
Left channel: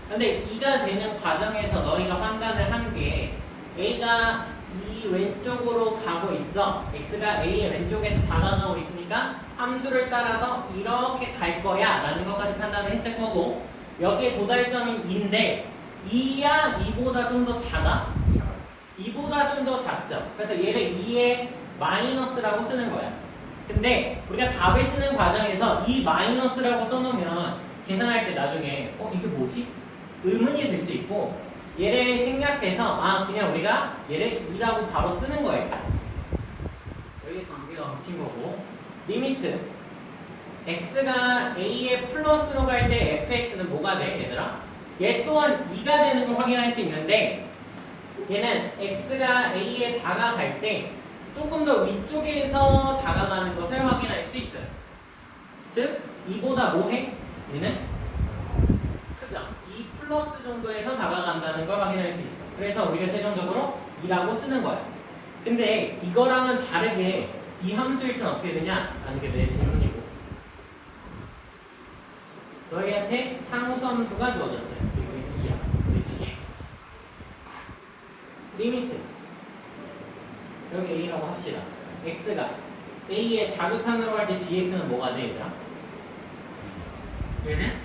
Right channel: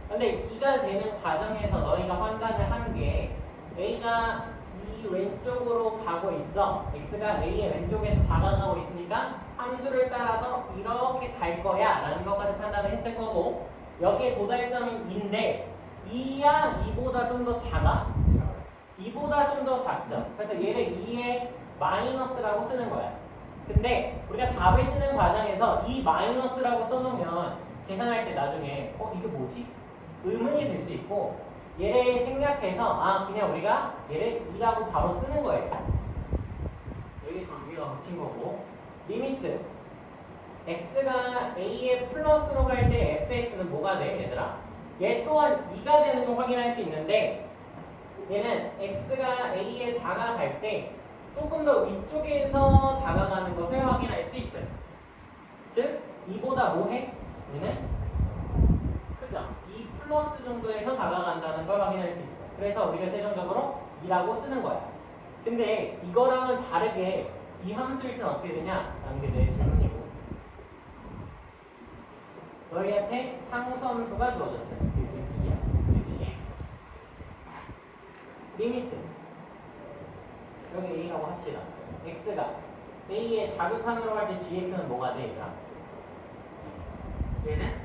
근데 2가 되는 과정에서 너희가 판단을 한 게 a가 이 왼쪽으로 가고 있어. x가 a의 왼쪽에서 다가가고 있으니까 함수를 따라서 이렇게 갈 거야 라는 것까지 판단을 했을 거고, 여기에 도달점이 2인데 2야 2보다 좀 더 작아? 2보다 좀 더 작죠. 그래서 얘를 2의 마이너스라고 쓰는 거야. 근데 우리가 답을 쓰는 과정에서 이 마이너스라고 써놓으면 계산할 때 나중에 이게 뭐지? 의문이 들 수 있고, 얘를 생략해서 그냥 우리가 얘를 2라고 바로 쓰는 거예요. 여기 관계가 붙인 거고, 리미트 x가 a의 플러스로 갈 때 fx는 뭐가 돼? 얘들아? 얘 또한 2가 되는 걸 확인할 수 있는데, 얘는 x가 a에 다가갈 때 조금 더 위쪽에서 다가가는 것을 확인할 수 있어요. 즉 2보다 뭐해? 얘는 그죠? 2 플러스 정도에서 다가간다는 걸 확인할 수 있어. 그래서 우리가 최종적으로 2라고 쓰는 거야. 근데 이거랑은 다르게 이 함수일 땐 어떻게 되냐? 라는 게 내 질문이고, 너희한테 상수함수가 주어졌어요. 리미트 여기 a라고 합시다. x가 a의 자극한으로 갈 때 gx는 뭐가 돼? 얘들아? 얘는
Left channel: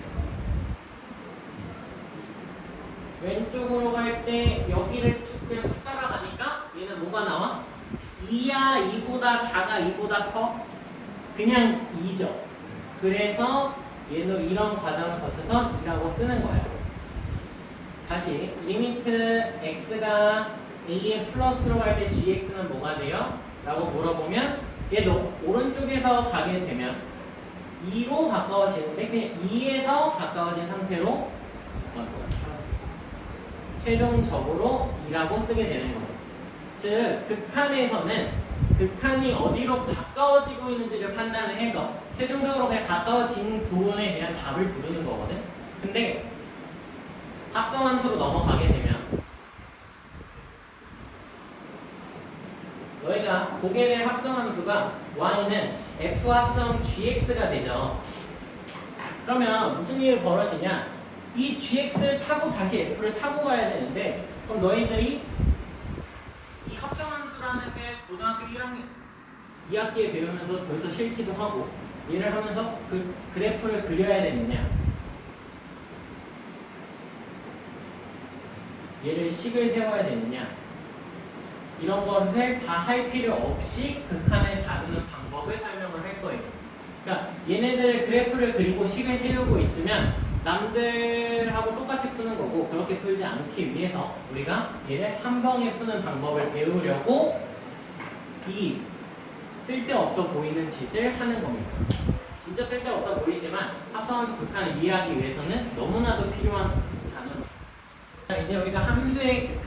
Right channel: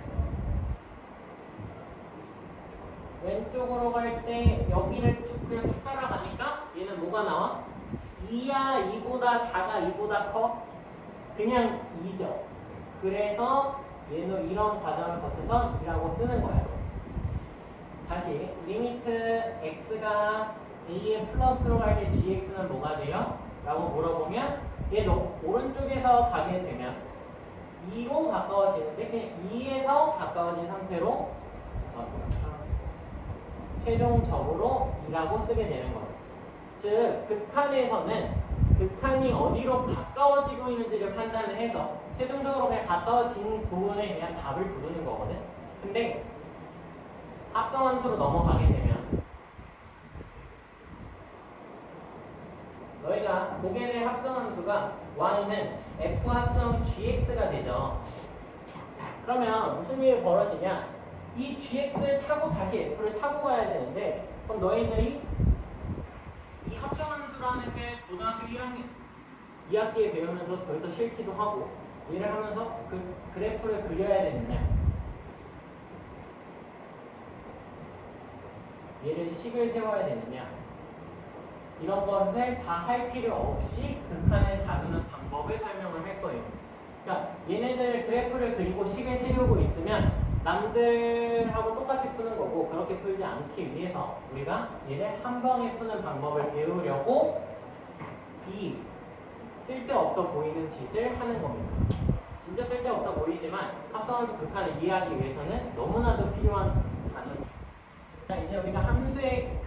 왼쪽으로 갈 때 여기를 그냥 쭉 따라가니까 얘는 뭐가 나와? 2야 2보다 작아 2보다 커? 그냥 2죠. 그래서 얘도 이런 과정을 거쳐서 2라고 쓰는 거예요. 다시 리미트 x가 a의 플러스로 갈 때 gx는 뭐가 돼요? 라고 물어보면 얘도 오른쪽에서 가게 되면 2로 가까워지는데 그냥 2에서 가까워진 상태로 최종적으로 2라고 쓰게 되는 거죠. 즉 극한에서는 극한이 어디로 가까워지고 있는지를 판단을 해서 최종적으로 그냥 가까워진 부분에 대한 답을 부르는 거거든. 근데 합성함수로 넘어가게 되면 너희가 보게 될 합성함수가 y는 f 합성 gx가 되죠. 그러면 무슨 일이 벌어지냐? 이 gx를 타고 다시 f를 타고 가야 되는데, 그럼 너희들이 이 합성함수라는 게 고등학교 1학년 2학기에 배우면서 벌써 싫기도 하고 일을 하면서 그 그래프를 그려야 되느냐? 얘를 식을 세워야 되느냐, 이런 것을 다 할 필요 없이 극한을 다루는 방법을 설명을 할 거예요. 그러니까 얘네들의 그래프를 그리고 식을 세우고 있으면 남들하고 똑같이 푸는 거고, 그렇게 풀지 않기 위해서 우리가 얘를 한 방에 푸는 방법을 배우려고 이 쓸데없어 보이는 짓을 하는 겁니다. 진짜 쓸데없어 보이지만 합성함수 극한을 이해하기 위해서는 너무나도 필요한 단어입니다. 이제 우리가 합성함수의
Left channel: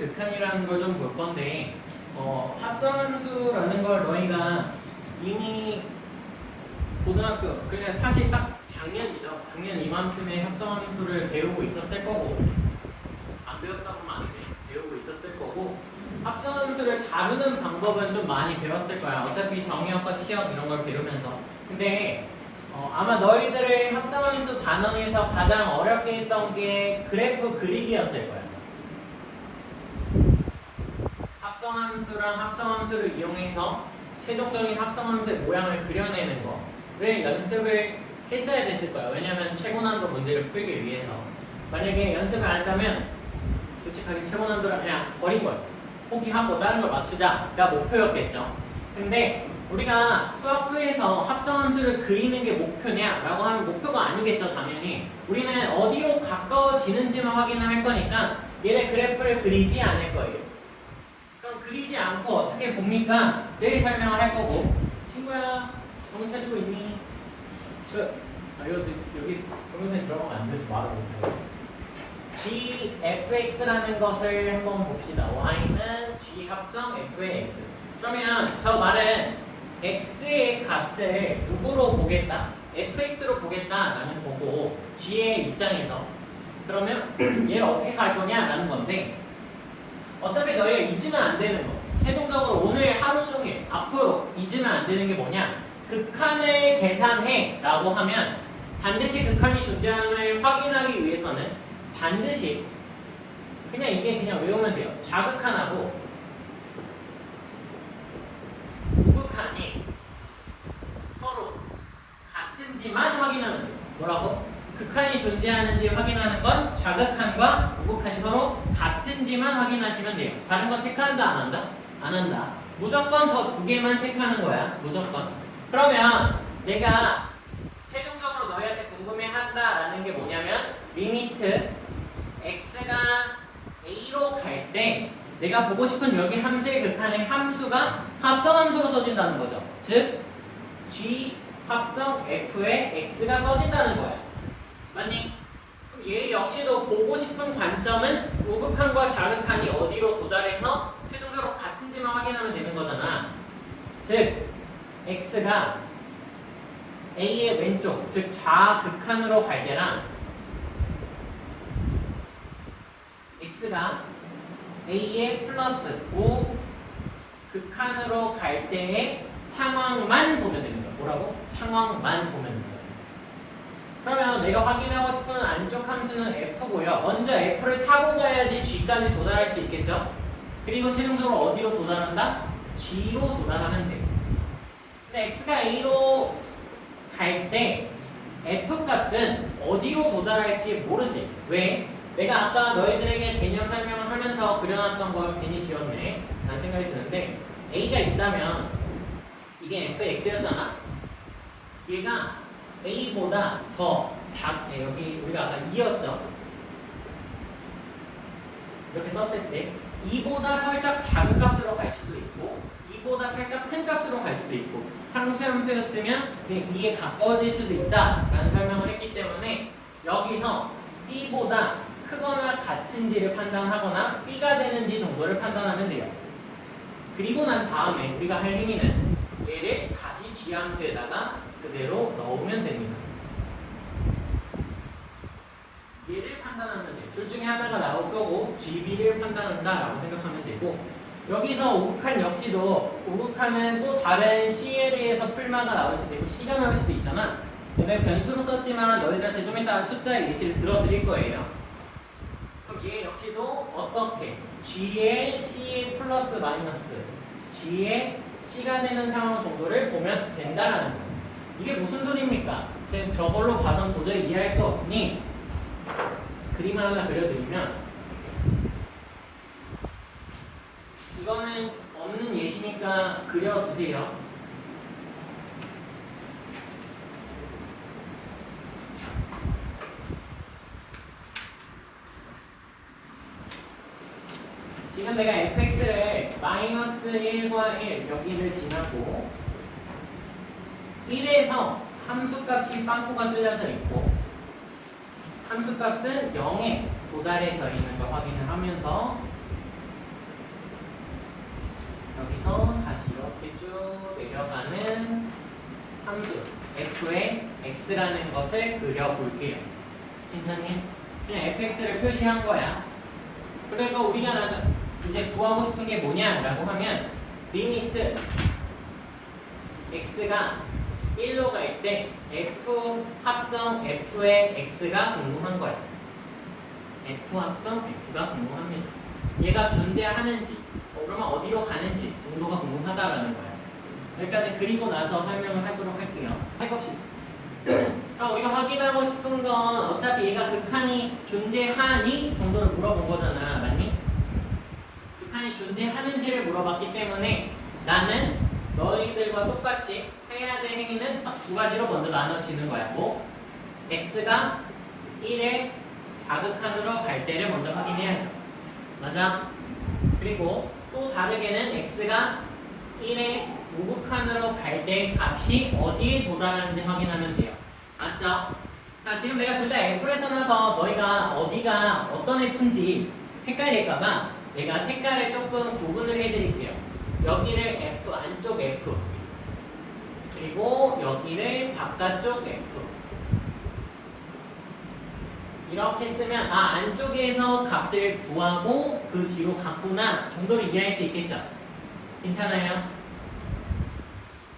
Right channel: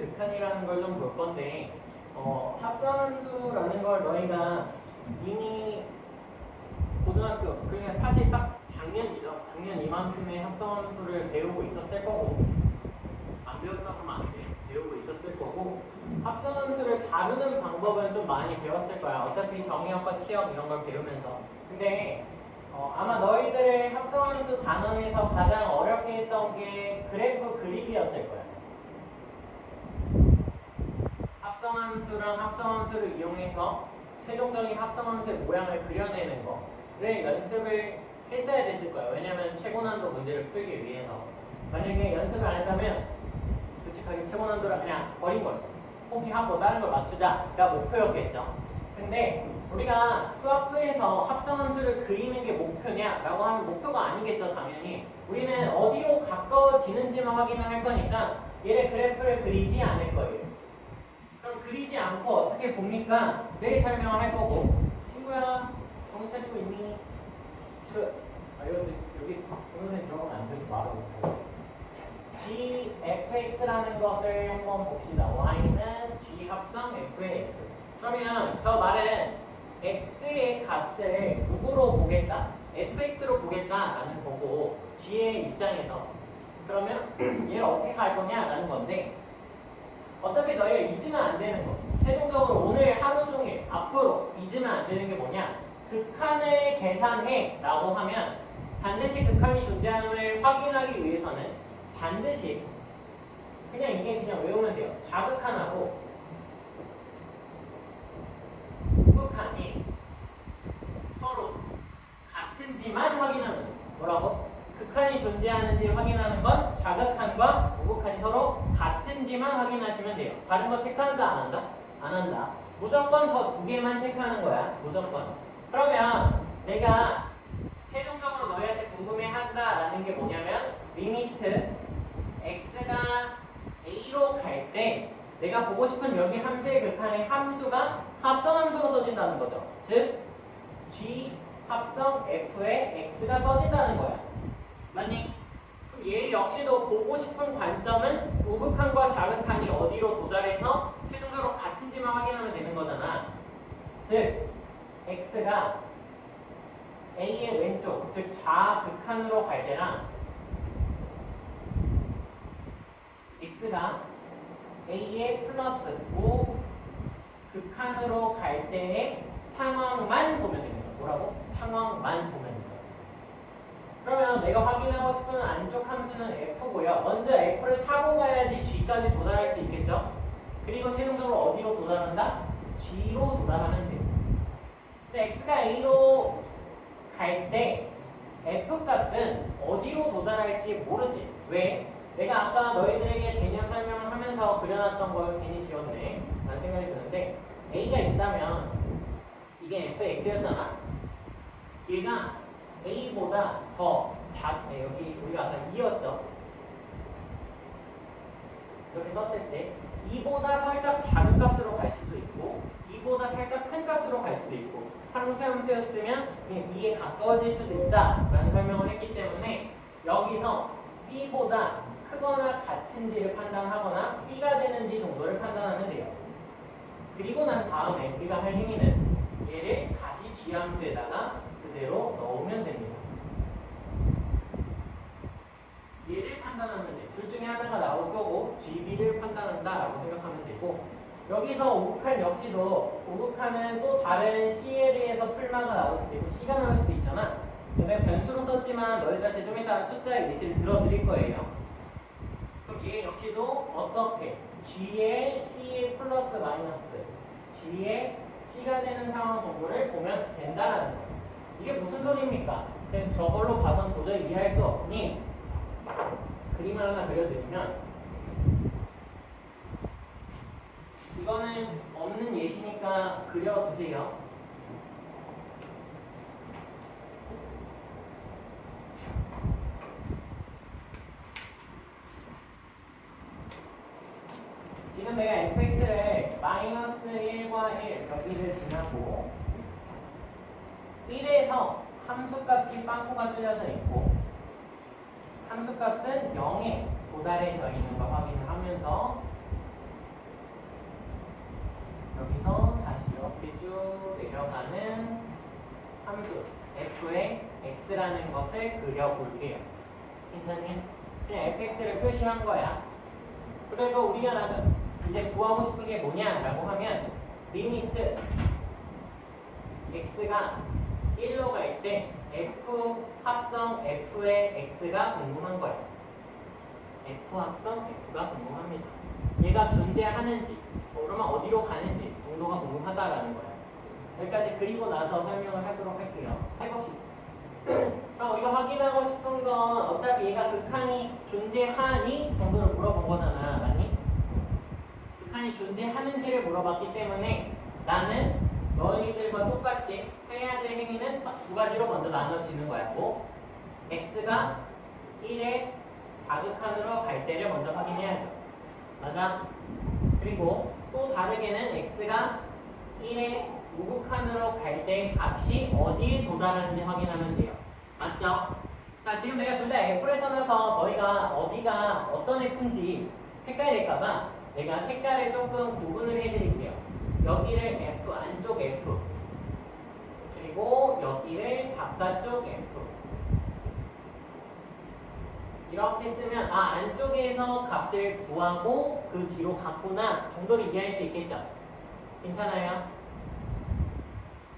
극한이라는 걸 좀 볼 건데, 합성함수라는 걸 너희가 이미 고등학교, 그냥 사실 딱 작년이죠. 작년 이맘쯤에 합성함수를 배우고 있었을 거고, 안 배웠다고 하면 안 돼. 배우고 있었을 거고, 합성함수를 다루는 방법은 좀 많이 배웠을 거야. 어차피 정의역과 치역 이런 걸 배우면서. 근데 아마 너희들의 합성함수 단원에서 가장 어렵게 했던 게 그래프 그리기였을 거야. 합성함수랑 합성함수를 이용해서 최종적인 합성함수의 모양을 그려내는 거를 연습을 했어야 됐을 거야. 왜냐면 최고난도 문제를 풀기 위해서. 만약에 연습을 안 했다면 솔직하게 최고난도를 그냥 버린 거야. 포기하고 다른 걸 맞추자가 목표였겠죠. 근데 우리가 수학2에서 합성함수를 그리는 게 목표냐? 라고 하면 목표가 아니겠죠, 당연히. 우리는 어디로 가까워지는지만 확인을 할 거니까 얘네 그래프를 그리지 않을 거예요. 그럼 그리지 않고 어떻게 봅니까? 내일 설명을 할 거고. 친구야, 정신 차리고 있니? 여기 동영상에 들어가면 안 돼서 말을 못해요. gfx라는 것을 한번 봅시다. y는 g 합성 f의 x. 그러면 저 말은 x의 값을 누구로 보겠다? fx로 보겠다라는 거고, g의 입장에서. 그러면 얘를 어떻게 할 거냐라는 건데, 어차피 너희가 잊으면 안 되는 거. 최종적으로 오늘 하루 종일 앞으로 잊으면 안 되는 게 뭐냐? 극한을 계산해 라고 하면 반드시 극한이 존재함을 확인하기 위해서는 반드시 그냥 이게 그냥 외우면 돼요. 좌극한하고 우극한이 서로 같은지만 확인하면 돼요. 뭐라고? 극한이 존재하는지 확인하는 건 좌극한과 우극한이 서로 같은지만 확인하시면 돼요. 다른 거 체크한다 안 한다? 안 한다. 무조건 저 두 개만 체크하는 거야. 무조건. 그러면 내가 최종적으로 너희한테 궁금해한다라는 게 뭐냐면 리미트 x가 a로 갈 때 내가 보고 싶은 여기 함수의 극한의 함수가 합성함수로 써진다는 거죠. 즉 g 합성 f에 x가 써진다는 거야. 맞니? 그럼 얘 역시도 보고 싶은 관점은 우극한과 좌극한이 어디로 도달해서 최종적으로 같은지만 확인하면 되는 거잖아. 즉 x가 a의 왼쪽, 즉 좌극한으로 갈 때랑 x가 a의 플러스 우극한으로 갈 때의 상황만 보면 됩니다. 뭐라고? 상황만 보면 됩니다. 그러면 내가 확인하고 싶은 안쪽 함수는 f고요. 먼저 f를 타고 가야지 g까지 도달할 수 있겠죠. 그리고 최종적으로 어디로 도달한다? g로 도달하면 돼요. 근데 x가 a로 갈 때 f 값은 어디로 도달할지 모르지. 왜? 내가 아까 너희들에게 개념 설명을 하면서 그려놨던 걸 괜히 지웠네 라는 생각이 드는데, a가 있다면 이게 fx였잖아. 얘가 a보다 더 여기 우리가 아까 2였죠. 이렇게 썼을 때 2보다 살짝 작은 값으로 갈 수도 있고 2보다 살짝 큰 값으로 갈 수도 있고, 상수함수였으면 2에 가까워질 수도 있다라는 설명을 했기 때문에 여기서 b보다 크거나 같은지를 판단하거나 b가 되는지 정도를 판단하면 돼요. 그리고 난 다음에 우리가 할 행위는 얘를 다시 g함수에다가 그대로 넣으면 됩니다. 얘를 판단하면 돼요. 둘 중에 하나가 나올 거고 GB를 판단한다라고 생각하면 되고, 여기서 우극한 역시도 우극한은 또 다른 CL에서 풀마가 나올 수도 있고 C가 나올 수도 있잖아. 내가 변수로 썼지만 너희들한테 좀 이따 숫자의 예시를 들어드릴 거예요. 그럼 얘 역시도 어떻게? G의 C의 플러스 마이너스 G의 C가 되는 상황 정도를 보면 된다라는 거예요. 이게 무슨 소리입니까? 저걸로 봐선 도저히 이해할 수 없으니 그림을 하나 그려드리면, 지금 내가 fx를 마이너스 1과 1 여기를 지나고 1에서 함수값이 빵꾸가 뚫려져 있고 함수값은 0에 도달해져 있는 걸 확인을 하면서 여기서 다시 이렇게 쭉 내려가는 함수 f의 x라는 것을 그려볼게요. 괜찮니? 그냥 fx를 표시한 거야. 그리고 우리가 이제 구하고 싶은 게 뭐냐라고 하면 리미트 x가 1로 갈 때 f 합성 f의 x가 궁금한 거야. f 합성 f가 궁금합니다. 얘가 존재하는지 그러면 어디로 가는지 정도가 궁금하다라는 거야. 여기까지 그리고 나서 설명을 하도록 할게요. 해봅시다. 그럼 우리가 확인하고 싶은 건 어차피 얘가 극한이 존재하니 정도를 물어본 거잖아. 맞니? 극한이 존재하는지를 물어봤기 때문에 나는 너희들과 똑같이 해야 될 행위는 딱 두 가지로 먼저 나눠지는 거야. 뭐? x가 1의 자극한으로 갈 때를 먼저 확인해야죠. 맞아? 그리고 또 다르게는 x가 1의 우극한으로 갈 때 값이 어디에 도달하는지 확인하면 돼요. 맞죠? 자, 지금 내가 둘 다 F를 써놔서 너희가 어디가 어떤 F인지 헷갈릴까봐 내가 색깔을 조금 구분을 해드릴게요. 여기를 F, 안쪽 F 그리고 여기를 바깥쪽 F 이렇게 쓰면 안쪽에서 값을 구하고 그 뒤로 갔구나 정도를 이해할 수 있겠죠? 괜찮아요?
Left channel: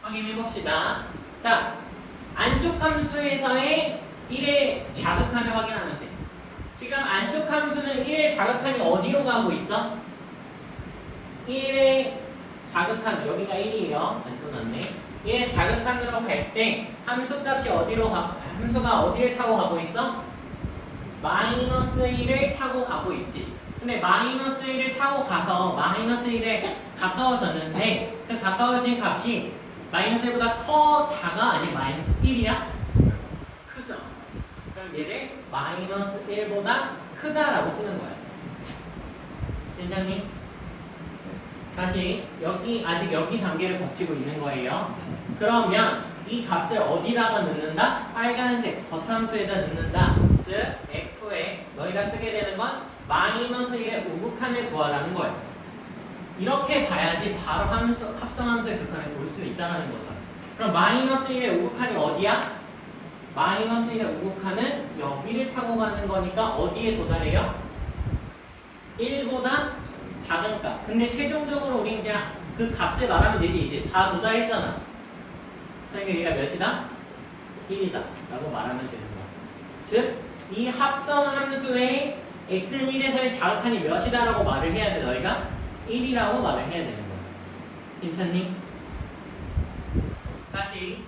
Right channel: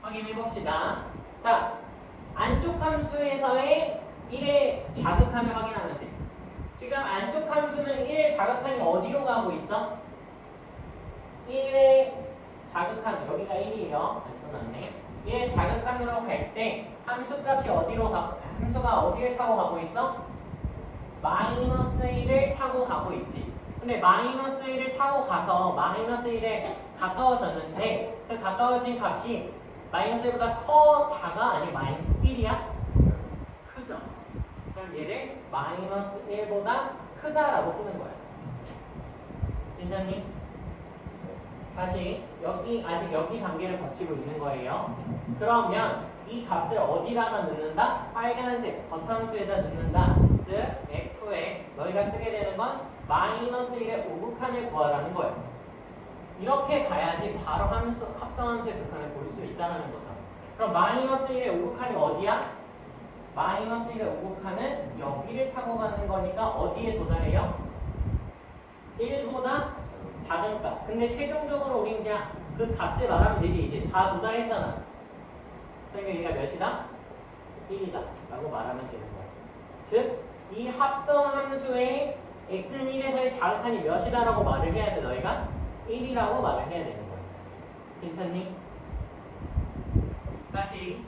확인해봅시다. 자, 안쪽 함수에서의 1의 자극한을 확인하면 돼. 지금 안쪽 함수는 1의 자극한이 어디로 가고 있어? 1의 자극한, 여기가 1이에요. 안 써놨네. 1의 자극한으로 갈 때 함수값이 함수가 어디를 타고 가고 있어? 마이너스 1을 타고 가고 있지. 근데 마이너스 1을 타고 가서 마이너스 1에 가까워졌는데 그 가까워진 값이 마이너스 1보다 더 작아? 아니면 마이너스 1이야? 크죠? 그럼 얘를 마이너스 1보다 크다라고 쓰는 거야. 괜찮니? 다시 아직 여기 단계를 거치고 있는 거예요. 그러면 이 값을 어디다가 넣는다? 빨간색 겉함수에다 넣는다. 즉 f에 너희가 쓰게 되는 건 마이너스 1의 우극한을 구하라는 거예요. 이렇게 봐야지 바로 합성함수의 극한을 볼 수 있다는 거죠. 그럼 마이너스 1의 우극한이 어디야? 마이너스 1의 우극한은 여기를 타고 가는 거니까 어디에 도달해요? 1보다 작은 값. 근데 최종적으로 우리 그냥 그 값을 말하면 되지. 이제 다 도달했잖아. 그러니까 얘가 몇이다? 1이다 라고 말하면 되는 거야. 즉, 이 합성함수의 x는 1에서의 자극한이 몇이다 라고 말을 해야 돼. 너희가 1이라고 말을 해야 되는 거야. 괜찮니? 다시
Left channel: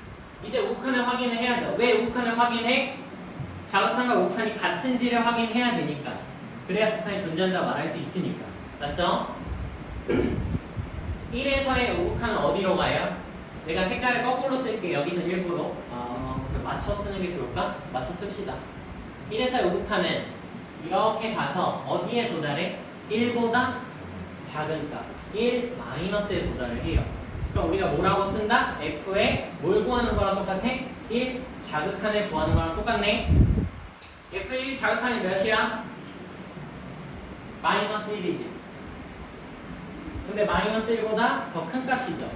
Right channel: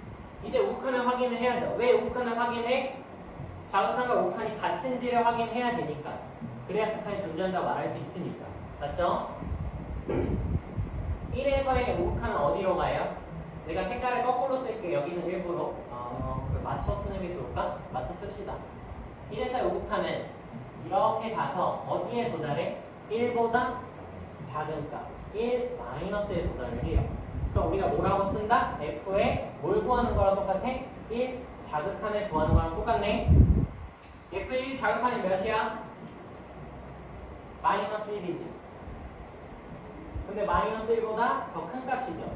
이제 우극한을 확인을 해야죠. 왜 우극한을 확인해? 자극한과 우극한이 같은지를 확인해야 되니까. 그래야 극한이 존재한다고 말할 수 있으니까. 맞죠? 1에서의 우극한은 어디로 가요? 내가 색깔을 거꾸로 쓸게. 여기서 일부러 맞춰 쓰는 게 좋을까? 맞춰 씁시다. 1에서의 우극한은 이렇게 가서 어디에 도달해? 1보다 작은 값 1 마이너스에 도달을 해요. 그럼 우리가 뭐라고 쓴다? f에 뭘 구하는 거랑 똑같아? 1 자극한을 구하는 거랑 똑같네. f1 자극한이 몇이야? 마이너스 1이지. 근데 마이너스 1보다 더 큰 값이죠.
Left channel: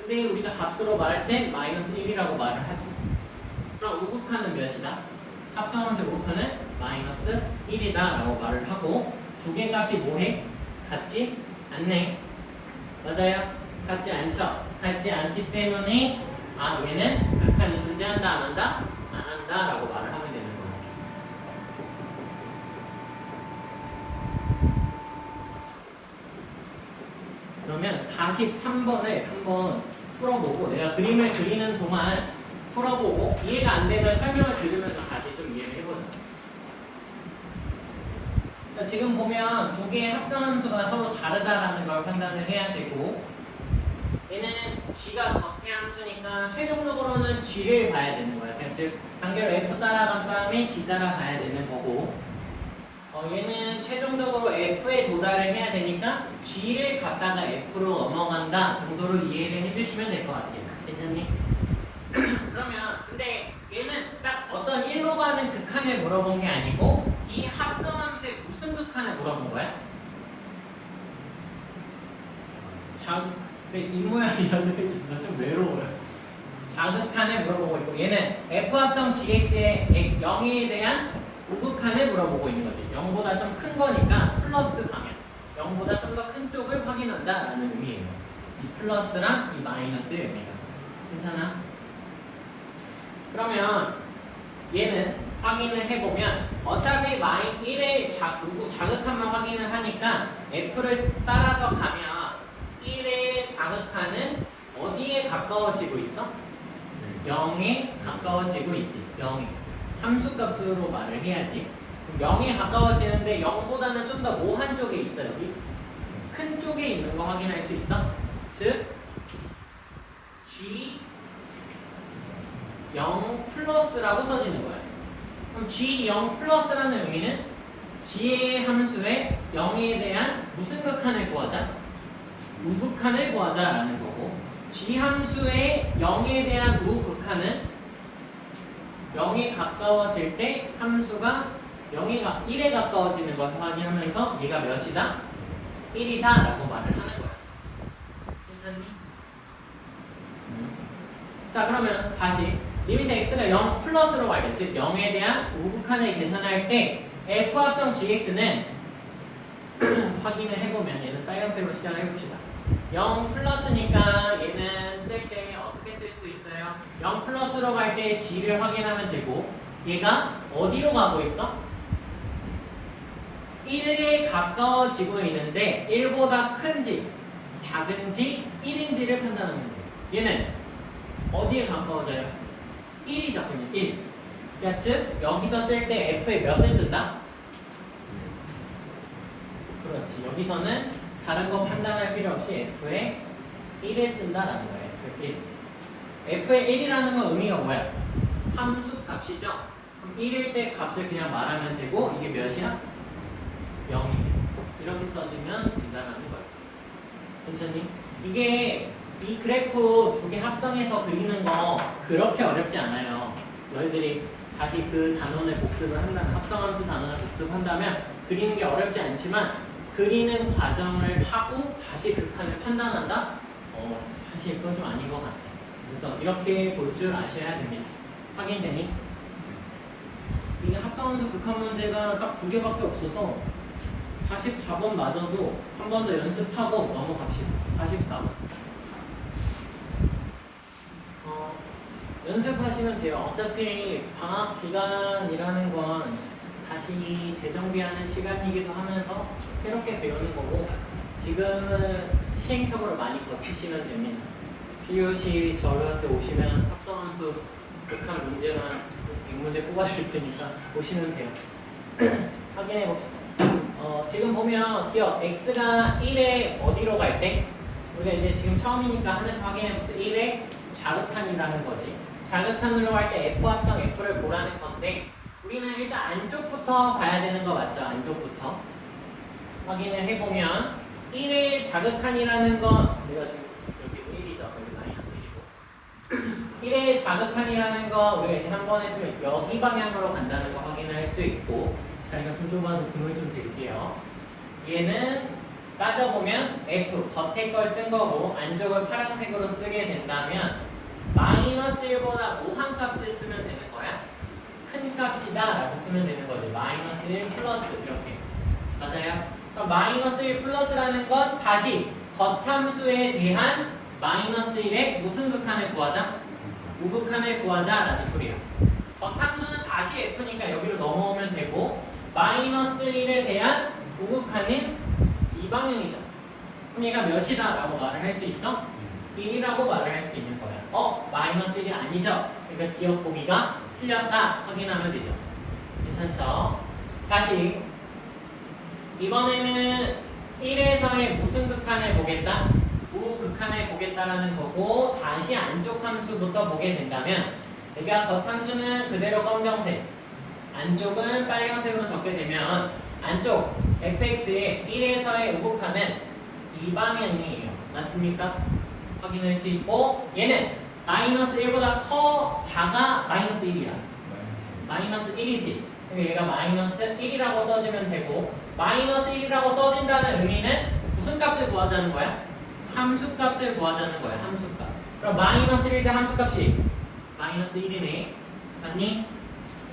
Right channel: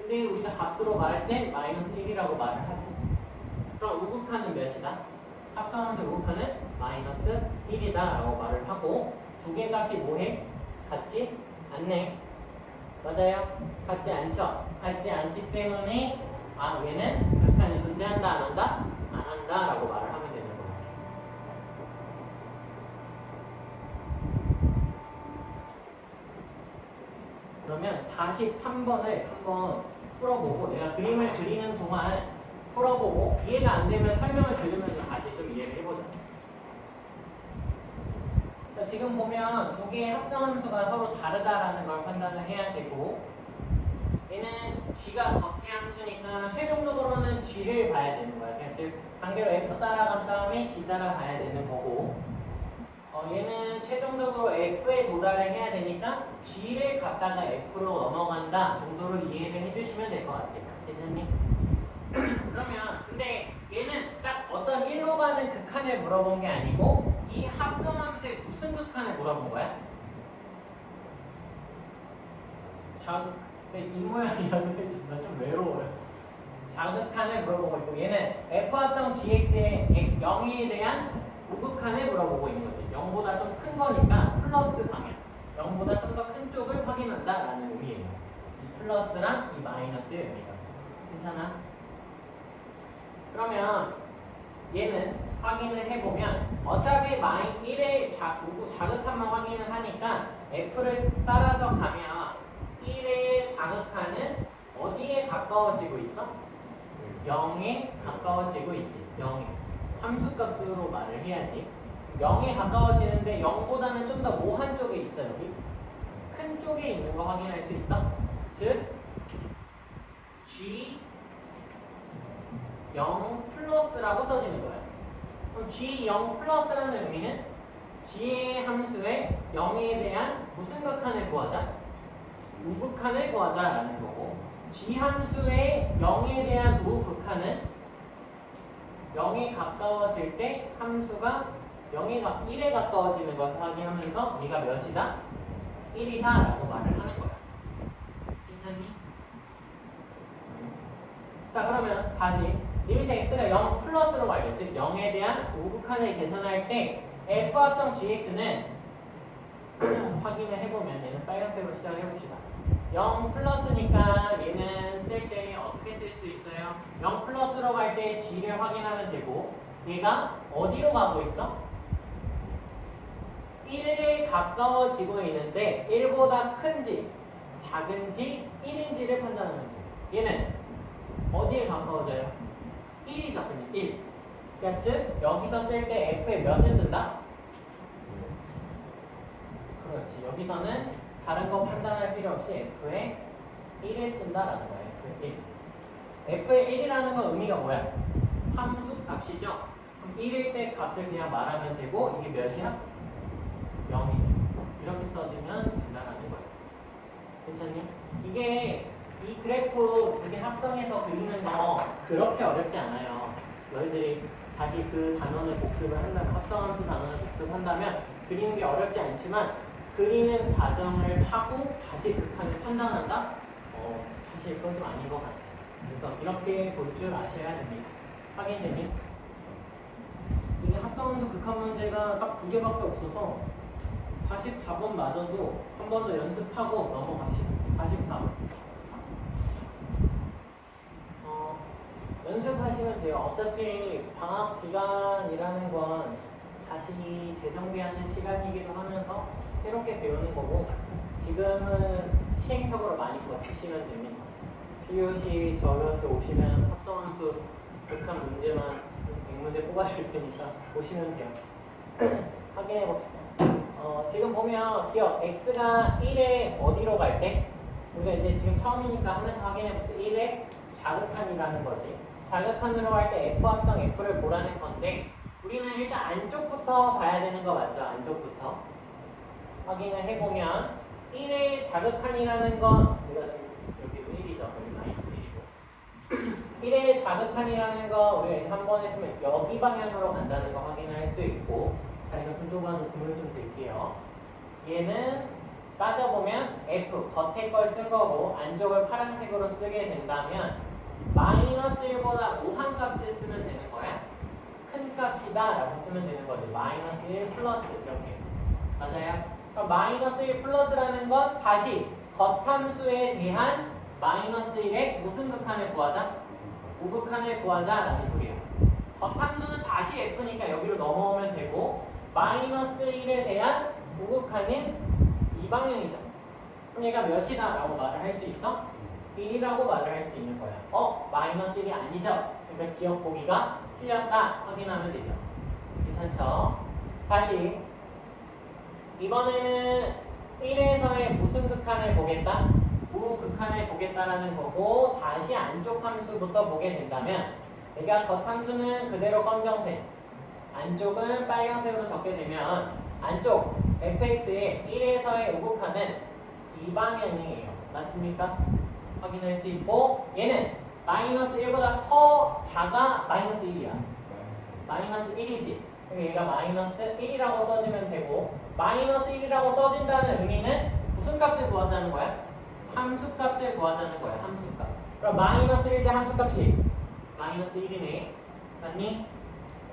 근데 우리가 값으로 말할 때 마이너스 1이라고 말을 하지. 그럼 우극한은 몇이다? 합성함수 우극한은 마이너스 1이다 라고 말을 하고 두 개 값이 뭐해? 같지 않네. 맞아요? 같지 않죠? 같지 않기 때문에 얘는 극한이 존재한다 안 한다? 안 한다 라고 말을 하면 되는 거예요. 그러면 43번을 한번 풀어보고 내가 그림을 그리는 동안 풀어보고 이해가 안 되면 설명을 들으면서 다시 좀 이해를 해보자. 지금 보면 두 개의 합성함수가 서로 다르다라는 걸 판단을 해야 되고 얘는 g가 겉해함수니까 최종적으로는 g를 봐야 되는 거야. 즉 단계로 f 따라간 다음에 g 따라가야 되는 거고 얘는 최종적으로 F에 도달을 해야 되니까 G를 갖다가 F로 넘어간다 정도로 이해를 해주시면 될 것 같아요. 괜찮니? 그러면 근데 얘는 딱 어떤 일로 가는 극한을 물어본 게 아니고 이 합성함수의 무슨 극한을 물어본 거야? 이 모양이라도 해주면 좀 외로워요. 자극한을 물어보고 있고 얘는 F합성 GX의 0에 대한 우극한을 물어보고 있는 거지. 0보다 좀 큰 거니까 플러스 방향 0보다 좀 더 큰 쪽을 확인한다라는 의미예요. 이 플러스랑 이 마이너스의 의미가. 괜찮아? 그러면 얘는 확인을 해보면 어차피 1의 자극한만 확인을 하니까 F를 따라서 가면 1의 자극한은 어디에 가까워지고 있어? 0에 가까워지고 있지. 0에. 함수값으로 말을 해야지. 0에 가까워지는데 0보다는 좀 더 모한 쪽에 있어. 여기. 큰 쪽에 있는 거 확인할 수 있어. 즉 G 0 플러스라고 써지는 거야. 그럼 G 0 플러스라는 의미는 G의 함수에 0에 대한 무슨 극한을 구하자? 우극한을 구하자라는 거고 G 함수의 0에 대한 우극한은 0에 가까워질 때 함수가 1에 가까워지는 것을 확인하면서 얘가 몇이다? 1이다 라고 말을 하는 거야. 괜찮니? 자 그러면 다시 리미트 x가 0 플러스로 가겠지. 0에 대한 우극한을 계산할 때 f 합성 gx는 확인을 해보면 얘는 빨간색으로 시작을 해봅시다. 0 플러스니까 얘는 쓸 때 어떻게 쓸 수 있어요? 0 플러스로 갈 때 g를 확인하면 되고 얘가 어디로 가고 있어? 1에 가까워지고 있는데 1보다 큰지 작은지 1인지를 판단하면 돼요. 얘는 어디에 가까워져요? 1이죠. 그냥 1. 그러니까 즉 여기서 쓸 때 f의 몇을 쓴다? 그렇지. 여기서는 다른 거 판단할 필요 없이 f의 1을 쓴다라는 거예요. F1. f의 1이라는 건 의미가 뭐야? 함수 값이죠. 그럼 1일 때 값을 그냥 말하면 되고 이게 몇이야? 0이에요. 이렇게 써주면 된다라는 거예요. 괜찮니? 이게 이 그래프 두 개 합성해서 그리는 거 그렇게 어렵지 않아요. 너희들이 다시 그 단원을 복습을 한다면 합성함수 단원을 복습한다면 그리는 게 어렵지 않지만 그리는 과정을 하고 다시 극한을 판단한다? 사실 그건 좀 아닌 것 같아. 그래서 이렇게 볼 줄 아셔야 됩니다. 확인되니? 이게 합성함수 극한 문제가 딱 두 개밖에 없어서 44번 마저도 한 번 더 연습하고 넘어갑시다. 44번. 연습하시면 돼요. 어차피 방학 기간이라는 건 다시 재정비하는 시간이기도 하면서 새롭게 배우는 거고 지금은 시행착오를 많이 거치시면 됩니다. PUC 저한테 오시면 합성함수 극한 문제만 100문제 뽑아줄 테니까 오시면 돼요. 확인해 봅시다. 지금 보면 기억 x가 1에 어디로 갈 때? 우리가 이제 지금 처음이니까 하나씩 확인해 봅시다. 1에 자극한이라는 거지. 자극한으로 갈 때 f 합성 f를 보라는 건데 우리는 일단 안쪽부터 봐야 되는 거 맞죠? 안쪽부터 확인을 해보면 1의 자극한이라는 건 우리가 지금 이렇게 1이죠. 마이너스 1이고 1의 자극한이라는 거 우리가 이제 한 번 했으면 여기 방향으로 간다는 거 확인할 수 있고 자리가 좀 좁아서 등을 좀 들게요. 얘는 따져보면 f 겉에 걸 쓴 거고 안쪽을 파란색으로 쓰게 된다면 마이너스 1보다 우한 값을 쓰면 되는 거야. 큰 값이다 라고 쓰면 되는 거지. 마이너스 1 플러스 이렇게. 맞아요? 그럼 마이너스 1 플러스라는 건 다시 겉함수에 대한 마이너스 1의 무슨 극한을 구하자? 우극한을 구하자 라는 소리야. 겉함수는 다시 f니까 여기로 넘어오면 되고 마이너스 1에 대한 우극한은 이 방향이죠. 그럼 얘가 몇이다 라고 말을 할 수 있어? 1이라고 말을 할 수 있는 거야. 마이너스 1이 아니죠? 그러니까 기억 보기가 틀렸다 확인하면 되죠. 괜찮죠? 다시 이번에는 1에서의 무슨 극한을 보겠다? 우극한을 보겠다라는 거고 다시 안쪽 함수부터 보게 된다면 내가 겉함수는 그대로 검정색 안쪽은 빨간색으로 적게 되면 안쪽 fx의 1에서의 우극하는 이 방향이에요. 맞습니까? 확인할 수 있고 얘는 마이너스 1보다 작아 마이너스 1이야. 마이너스 1이지. 그럼 얘가 마이너스 1이라고 써주면 되고 마이너스 1이라고 써준다는 의미는 무슨 값을 구하자는 거야? 함수값을 구하자는 거야. 함수값. 그럼 마이너스 1대 함수값이 마이너스 1이네. 맞니?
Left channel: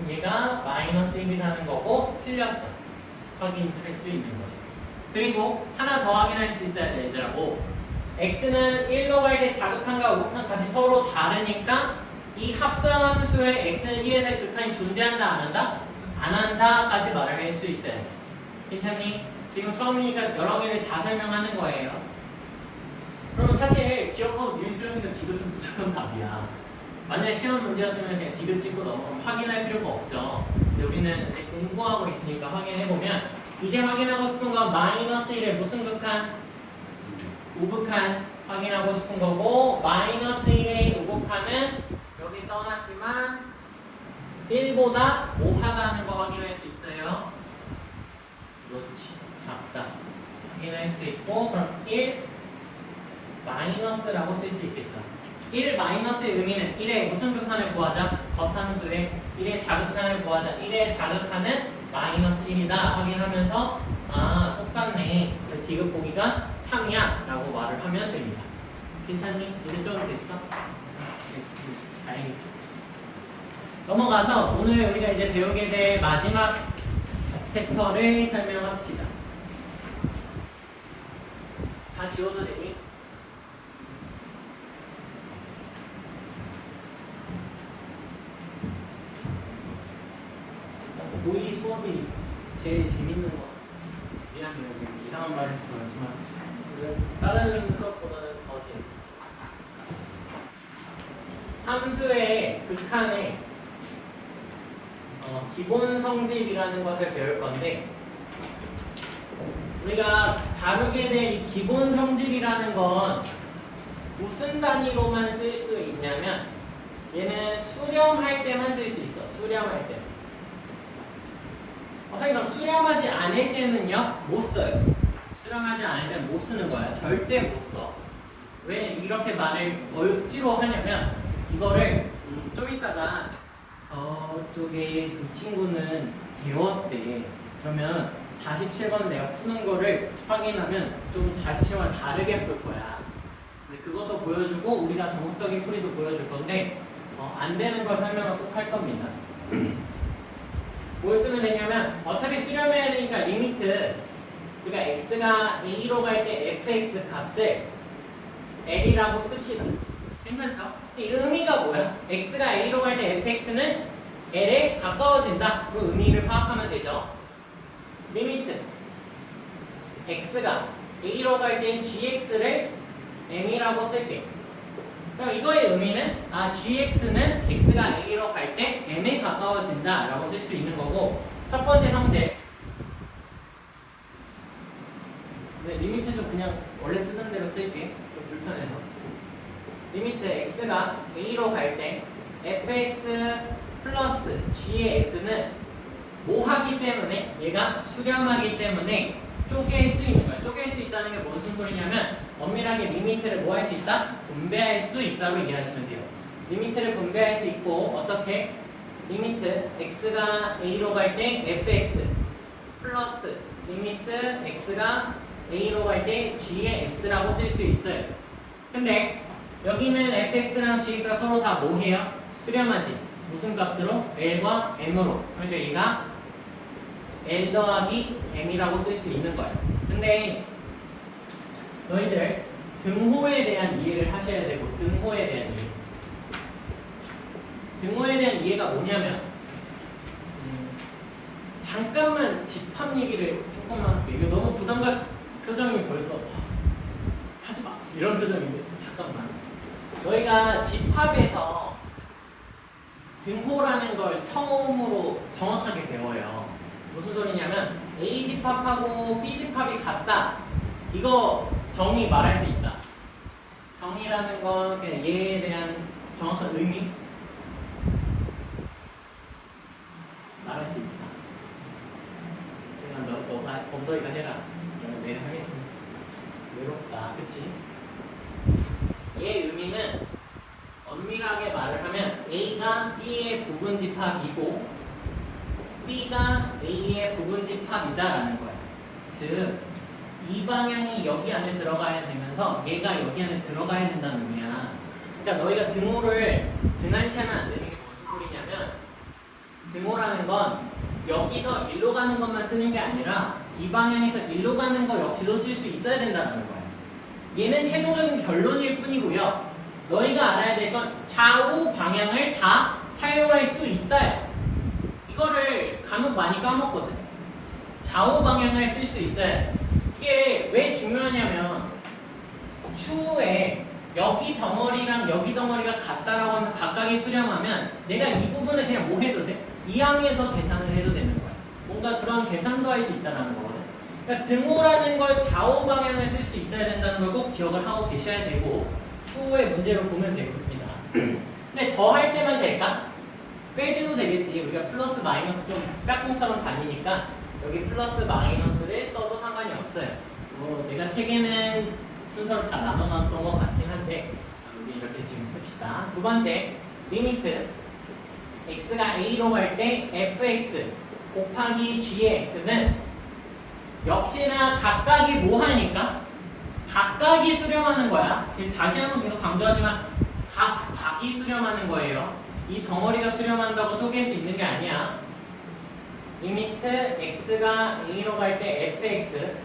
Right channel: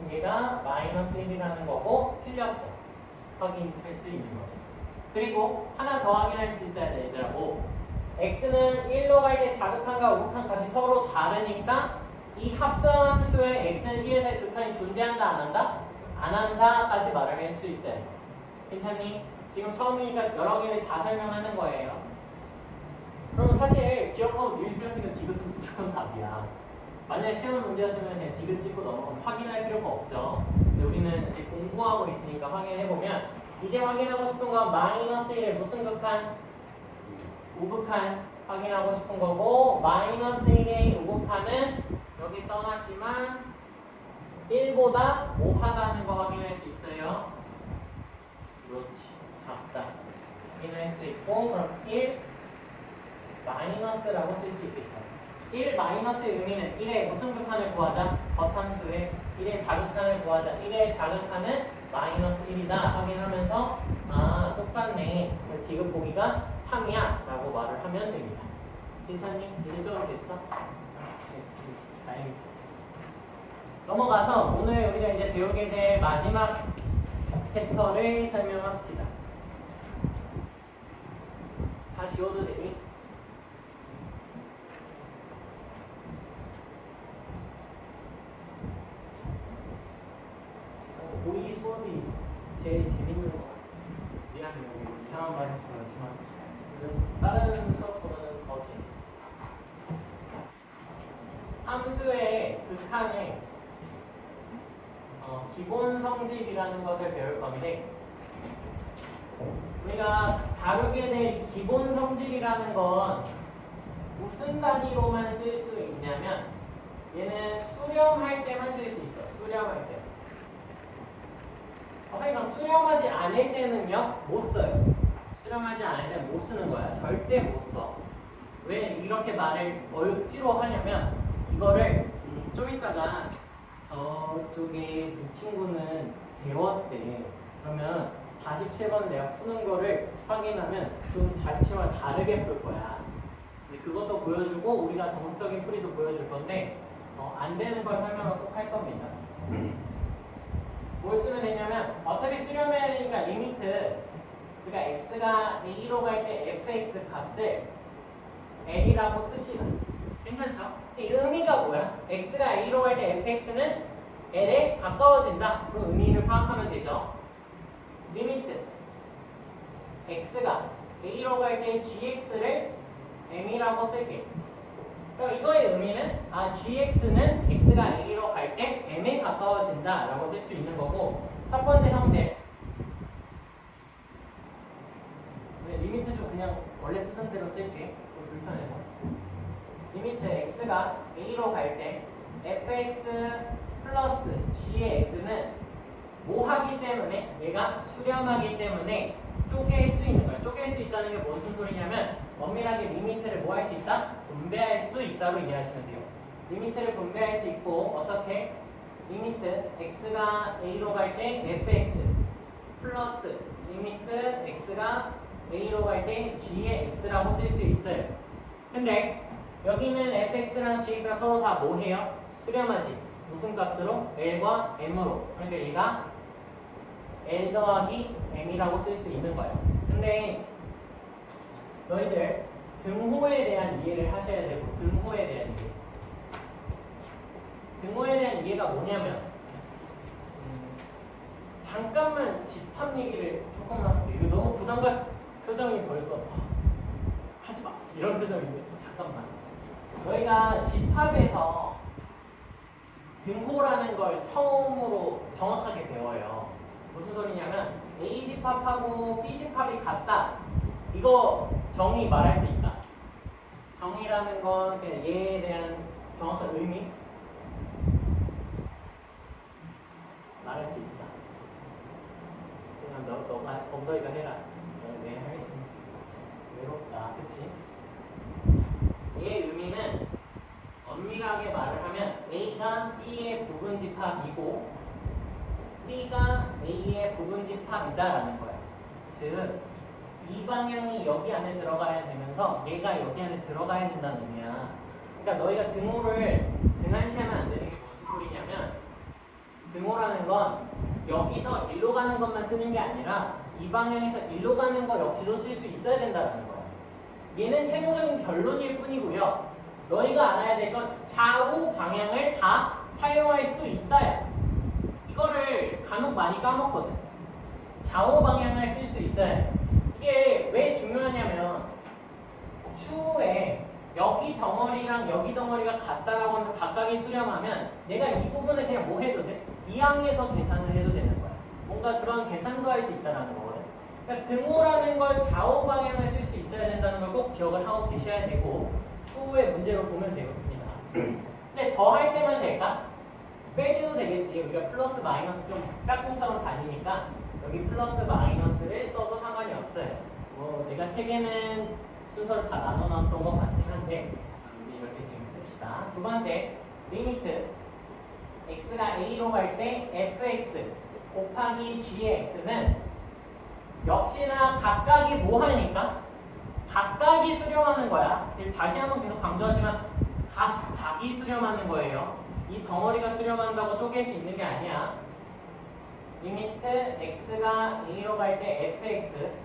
얘가 마이너스 1이라는 거고 틀렸죠. 확인할 수 있는 거죠. 그리고 하나 더 확인할 수 있어야 돼 얘들하고 x는 1로 갈 때 자극한과 우극한까지 서로 다르니까 이 합성함수의 x는 1에서의 극한이 존재한다 안 한다? 안 한다까지 말을 할 수 있어야 돼. 괜찮니? 지금 처음이니까 여러 개를 다 설명하는 거예요. 그럼 사실 기억하고 니네 틀렸으니까 디귿은 무조건 답이야. 만약 시험 문제였으면 그냥 디귿 찍고 넘어가면 확인할 필요가 없죠. 근데 우리는 이제 공부하고 있으니까 확인해보면 이제 확인하고 싶은 건 마이너스 1의 무슨 극한? 우극한 확인하고 싶은 거고 마이너스 1의 우극한은 여기 써놨지만 1보다 못하다는 거 확인할 수 있어요. 그렇지. 작다. 확인할 수 있고 그럼 1 마이너스라고 쓸 수 있겠죠. 1 마이너스의 의미는 1의 무슨 극한을 구하자? 겉함수의 1의 자극한을 구하자. 1의 자극한은 마이너스 1이다 확인하면서 아 똑같네. 디귿 보기가 3이야 라고 말을 하면 됩니다. 괜찮니? 이제 좀 됐어? 다행이지. 넘어가서 오늘 우리가 이제 배우게 될 마지막 챕터를 설명합시다. 다 지워도 되니? 우리 수업이 제일 재밌는 것 같아. 미안해요. 이상한 말 해서 그렇지만 다른 수업보다는 더 재밌어. 함수의 극한의 기본 성질이라는 것을 배울 건데 우리가 다루게 될 이 기본 성질이라는 건 무슨 단위로만 쓸 수 있냐면 얘는 수렴할 때만 쓸 수 있어. 수렴할 때. 그럼 수렴하지 않을 때는요? 못 써요. 수렴하지 않을 때는 못 쓰는 거야. 절대 못 써. 왜 이렇게 말을 억지로 하냐면 이거를 좀 이따가 저쪽에 두 친구는 배웠대. 그러면 47번 내가 푸는 거를 확인하면 좀 47번 다르게 풀 거야. 그것도 보여주고 우리가 정석적인 풀이도 보여줄 건데 안 되는 걸 설명을 꼭 할 겁니다. 뭘 쓰면 되냐면 어차피 수렴해야 되니까 리미트 그러니까 x가 a로 갈 때 fx 값을 l이라고 씁시다. 괜찮죠? 이 의미가 뭐야? x가 a로 갈 때 fx는 l에 가까워진다. 그 의미를 파악하면 되죠. 리미트 x가 a로 갈 때 gx를 m이라고 쓸게. 그럼 이거의 의미는 gx는 x가 a로 갈 때 m에 가까워진다 라고 쓸 수 있는 거고 첫 번째 성질 근데 리미트도 그냥 원래 쓰던 대로 쓸게. 좀 불편해서 리미트 x가 a로 갈 때 fx 플러스 g의 x는 모하기 때문에 얘가 수렴하기 때문에 쪼갤 수 있는 거야. 쪼갤 수 있다는 게 무슨 소리냐면 엄밀하게 리미트를 뭐 할 수 있다? 분배할 수 있다고 이해하시면 돼요. 리미트를 분배할 수 있고 어떻게? 리미트 x가 a로 갈 때 fx 플러스 리미트 x가 a로 갈 때 g의 x라고 쓸 수 있어요. 근데 여기는 fx랑 gx가 서로 다 뭐 해요? 수렴하지. 무슨 값으로? l과 m으로. 그러니까 얘가 l 더하기 m이라고 쓸 수 있는 거예요. 근데 너희들 등호에 대한 이해를 하셔야 되고 등호에 대한 이해. 등호에 대한 이해가 뭐냐면 잠깐만 집합 얘기를 조금만 할게요. 이거 너무 부담같은 표정이 벌써 하지마 이런 표정인데 잠깐만. 너희가 집합에서 등호라는 걸 처음으로 정확하게 배워요. 무슨 소리냐면 A 집합하고 B 집합이 같다. 이거 정의 말할 수 있다. 정의라는 건 그냥 얘에 대한 정확한 의미 말할 수 있다. 범서이가 해라. 그러면 네 하겠습니다. 외롭다, 그치? 얘의 의미는 엄밀하게 말을 하면 A가 B의 부분집합이고 B가 A의 부분집합이다라는 거야. 즉, 이 방향이 여기 안에 들어가야 되면서 얘가 여기 안에 들어가야 된다는 의미야. 그러니까 너희가 등호를 등한시하면 안 되는 게 무슨 소리냐면 등호라는 건 여기서 일로 가는 것만 쓰는 게 아니라 이 방향에서 일로 가는 거 역시도 쓸 수 있어야 된다는 거야. 얘는 최종적인 결론일 뿐이고요. 너희가 알아야 될 건 좌우 방향을 다 사용할 수 있다. 이거를 간혹 많이 까먹거든. 좌우 방향을 쓸 수 있어야 돼. 이게 왜 중요하냐면 추후에 여기 덩어리랑 여기 덩어리가 같다라고 하면 각각이 수렴하면 내가 이 부분을 그냥 뭐 해도 돼? 이항에서 계산을 해도 되는 거야. 뭔가 그런 계산도 할 수 있다는 거거든. 그러니까 등호라는 걸 좌우 방향을 쓸 수 있어야 된다는 걸 꼭 기억을 하고 계셔야 되고 추후의 문제로 보면 됩니다. 근데 더 할 때만 될까? 뺄 때도 되겠지. 우리가 플러스 마이너스 좀 짝꿍처럼 다니니까 여기 플러스 마이너스를 써도 상관이 없어요. 뭐 내가 책에는 순서를 다 나눠놨던 것 같긴 한데 우리 이렇게 지금 씁시다. 두 번째, 리미트 x가 a로 갈 때 fx 곱하기 g의 x는 역시나 각각이 뭐 하니까? 각각이 수렴하는 거야. 다시 한번 계속 강조하지만 각각이 수렴하는 거예요. 이 덩어리가 수렴한다고 쪼갤 수 있는 게 아니야. 리미트 x가 a로 갈 때 fx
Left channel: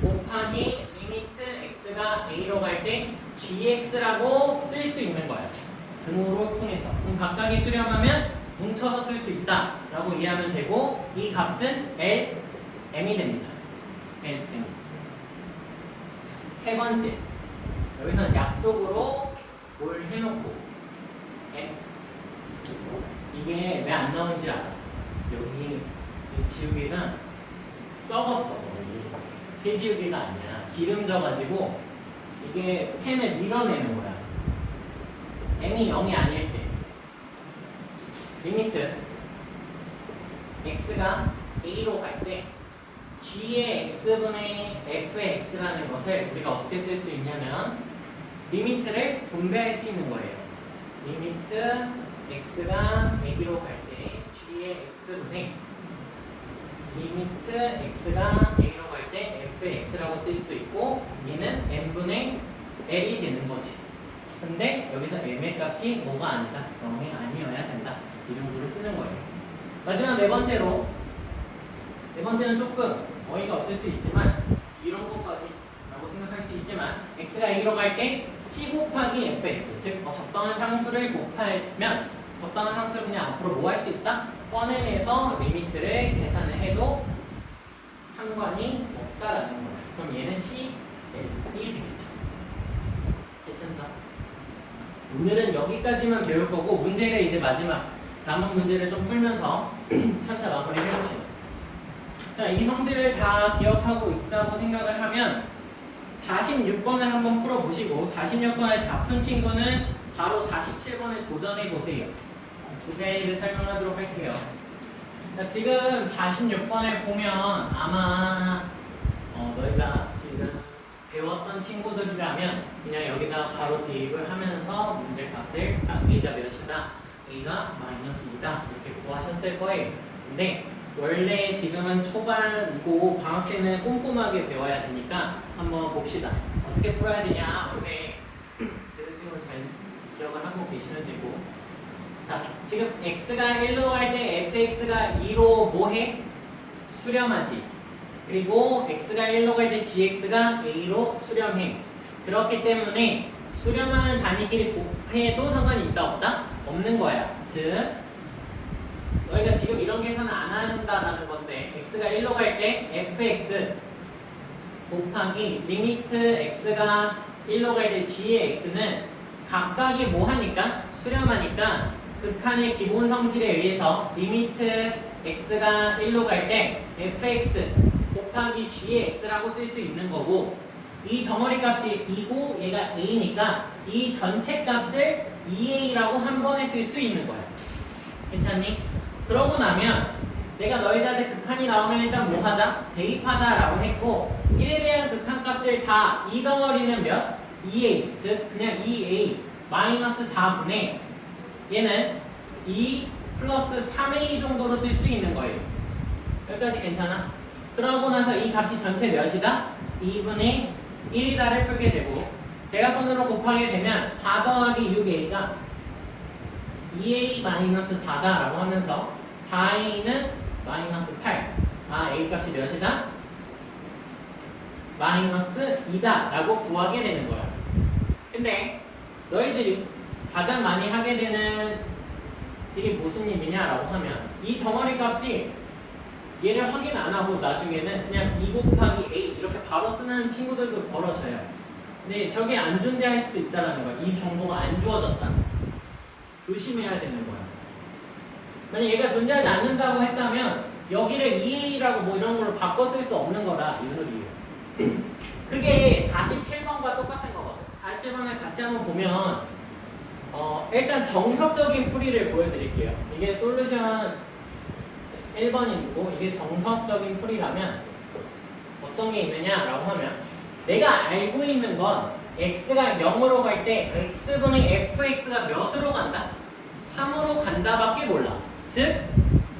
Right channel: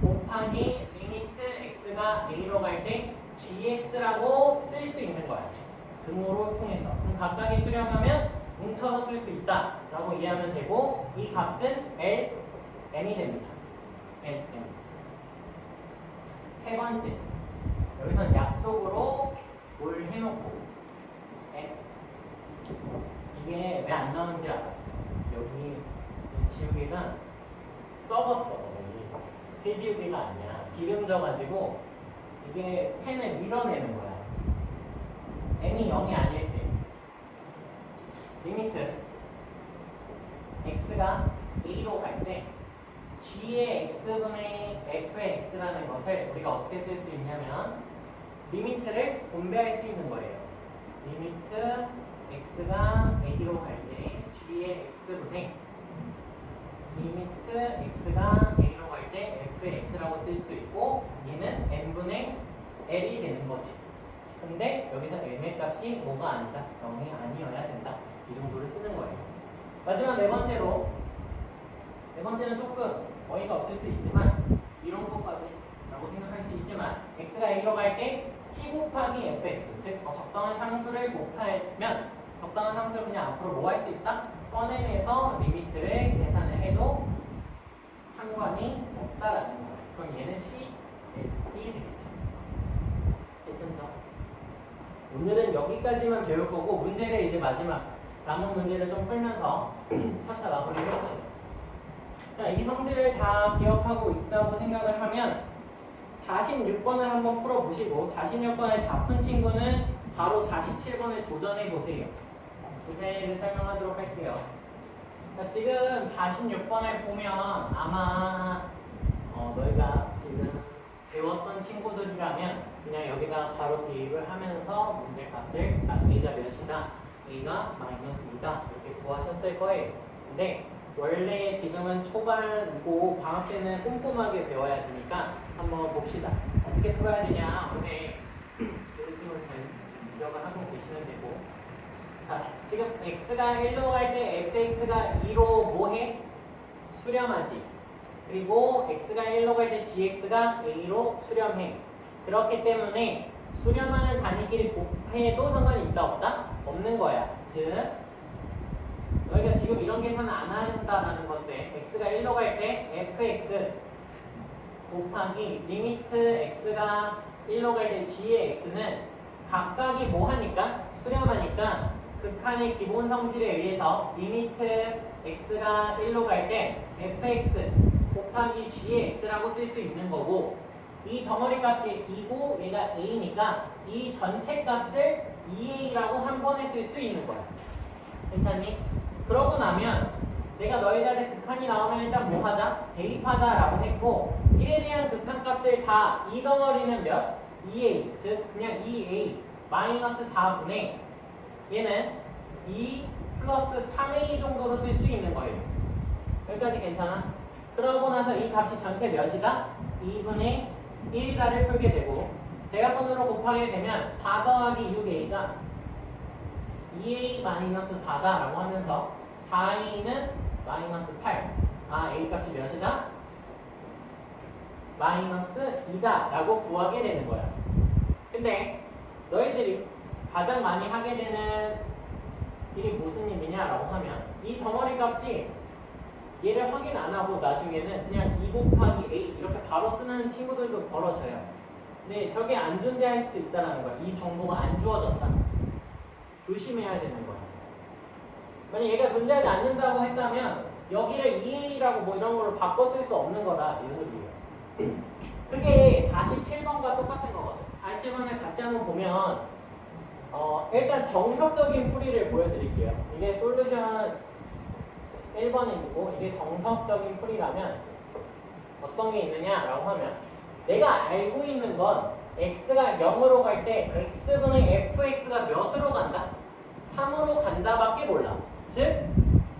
곱하기 리미트 x가 a로 갈 때 gx라고 쓸 수 있는 거야. 등호로 통해서. 그럼 각각이 수렴하면 뭉쳐서 쓸 수 있다 라고 이해하면 되고 이 값은 L, M이 됩니다. L, M. 세 번째, 여기서는 약속으로 뭘 해놓고 M. 이게 왜 안 나오는지 알았어. 여기 이 지우개가 썩었어. 새 지우개가 아니야. 기름 져가지고 이게 펜을 밀어내는 거야. M이 0이 아닐 때 리미트 x가 a로 갈 때 g의 x분의 fx라는 것을 우리가 어떻게 쓸 수 있냐면 리미트를 분배할 수 있는 거예요. 리미트 x가 a로 갈 때 g의 x분의 리미트 x가 a로 갈 때 fx라고 쓸 수 있고 얘는 n분의 l이 되는 거지. 근데 여기서 m의 값이 뭐가 아니다. 0이 아니어야 된다. 이 정도를 쓰는 거예요. 마지막 네 번째로 네 번째는 조금 어이가 없을 수 있지만 이런 것까지 라고 생각할 수 있지만 x가 a로 갈 때 c 곱하기 fx 즉 적당한 상수를 곱하면 적당한 상수를 그냥 앞으로 뭐 할 수 있다? 꺼내내서 리미트를 계산을 해도 상관이 없다라는 거예요. 그럼 얘는 c, l이 되겠죠. 괜찮죠? 오늘은 여기까지만 배울 거고 문제를 이제 마지막 남은 문제를 좀 풀면서 차차 마무리 해봅시다. 자, 이 성질을 다 기억하고 있다고 생각을 하면 46번을 한번 풀어보시고 46번을 다 푼 친구는 바로 47번에 도전해보세요. 두 가지를 설명하도록 할게요. 자, 지금 46번에 보면 아마 너희가 지금 배웠던 친구들이라면 그냥 여기다 바로 대입을 하면서 문제값을 A가 몇이다, B가 마이너스이다 이렇게 구하셨을 거예요. 근데 원래 지금은 초반이고 방학 때는 꼼꼼하게 배워야 되니까 한번 봅시다. 어떻게 풀어야 되냐. 원래 대대칭을 잘 기억을 하고 계시면 되고. 자, 지금 x가 1로 갈 때 fx가 2로 뭐해? 수렴하지. 그리고 x가 1로 갈 때 gx가 a로 수렴해. 그렇기 때문에 수렴하는 단위끼리 곱해도 상관이 있다 없다? 없는 거야. 즉 너희가 지금 이런 계산을 안 한다라는 건데 x가 1로 갈 때 fx 곱하기 리미트 x가 1로 갈 때 g의 x는 각각이 뭐 하니까? 수렴하니까 극한의 기본 성질에 의해서 리미트 x가 1로 갈 때 fx 곱하기 g의 x라고 쓸 수 있는 거고 이 덩어리 값이 2고 얘가 a니까 이 전체 값을 2a라고 한 번에 쓸 수 있는 거야. 괜찮니? 그러고 나면 내가 너희들한테 극한이 나오면 일단 뭐 하자? 대입하자라고 했고 1에 대한 극한값을 다 이 덩어리는 몇? 2a 즉 그냥 2a 마이너스 4분의 얘는 2 플러스 3a 정도로 쓸 수 있는 거예요. 여기까지 괜찮아? 그러고 나서 이 값이 전체 몇이다? 2분의 1이다를 풀게 되고 대각선으로 곱하게 되면 4 더하기 6a가 2a 마이너스 4다라고 하면서 4a는 마이너스 8. 아, a 값이 몇이다? 마이너스 2다 라고 구하게 되는 거야. 근데 너희들이 가장 많이 하게 되는 일이 무슨 일이냐라고 하면 이 덩어리 값이 얘를 확인 안 하고 나중에는 그냥 2 곱하기 a 이렇게 바로 쓰는 친구들도 벌어져요. 근데 저게 안 존재할 수도 있다는 거야. 이 정보가 안 주어졌다. 조심해야 되는 거야. 만약 얘가 존재하지 않는다고 했다면 여기를 2a라고 뭐 이런 걸로 바꿔 쓸 수 없는 거라 이 소리. 그게 47번과 똑같은 거거든. 47번을 같이 한번 보면 일단 정석적인 풀이를 보여드릴게요. 이게 솔루션 1번이고 이게 정석적인 풀이라면 어떤 게 있느냐라고 하면 내가 알고 있는 건 x가 0으로 갈 때 x분의 fx가 몇으로 간다? 3으로 간다밖에 몰라. 즉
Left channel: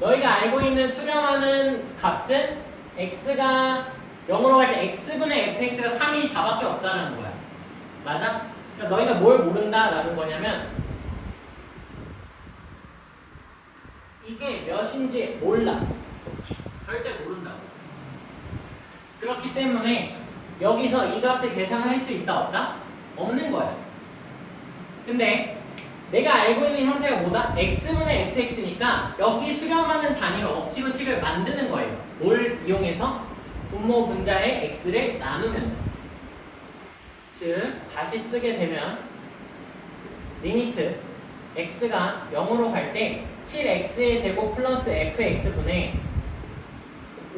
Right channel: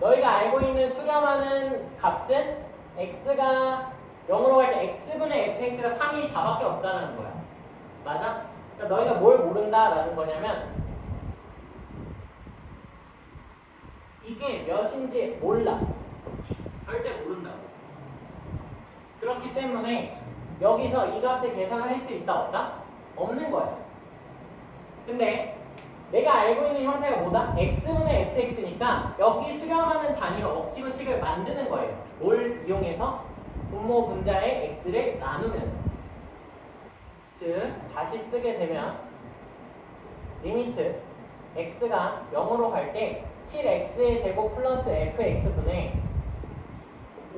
너희가 알고 있는 수렴하는 값은 x가 0으로 갈 때 x분의 fx가 3이 다밖에 없다는 거야. 맞아? 그러니까 너희가 뭘 모른다라는 거냐면 이게 몇인지 몰라. 절대 모른다고. 그렇기 때문에 여기서 이 값을 계산할 수 있다 없다? 없는 거야. 근데 내가 알고 있는 형태가 뭐다? x분의 fx니까 여기 수렴하는 단위로 억지로 식을 만드는 거예요. 뭘 이용해서? 분모 분자의 x를 나누면서. 즉 다시 쓰게 되면 리미트 x가 0으로 갈 때 7x의 제곱 플러스 fx분의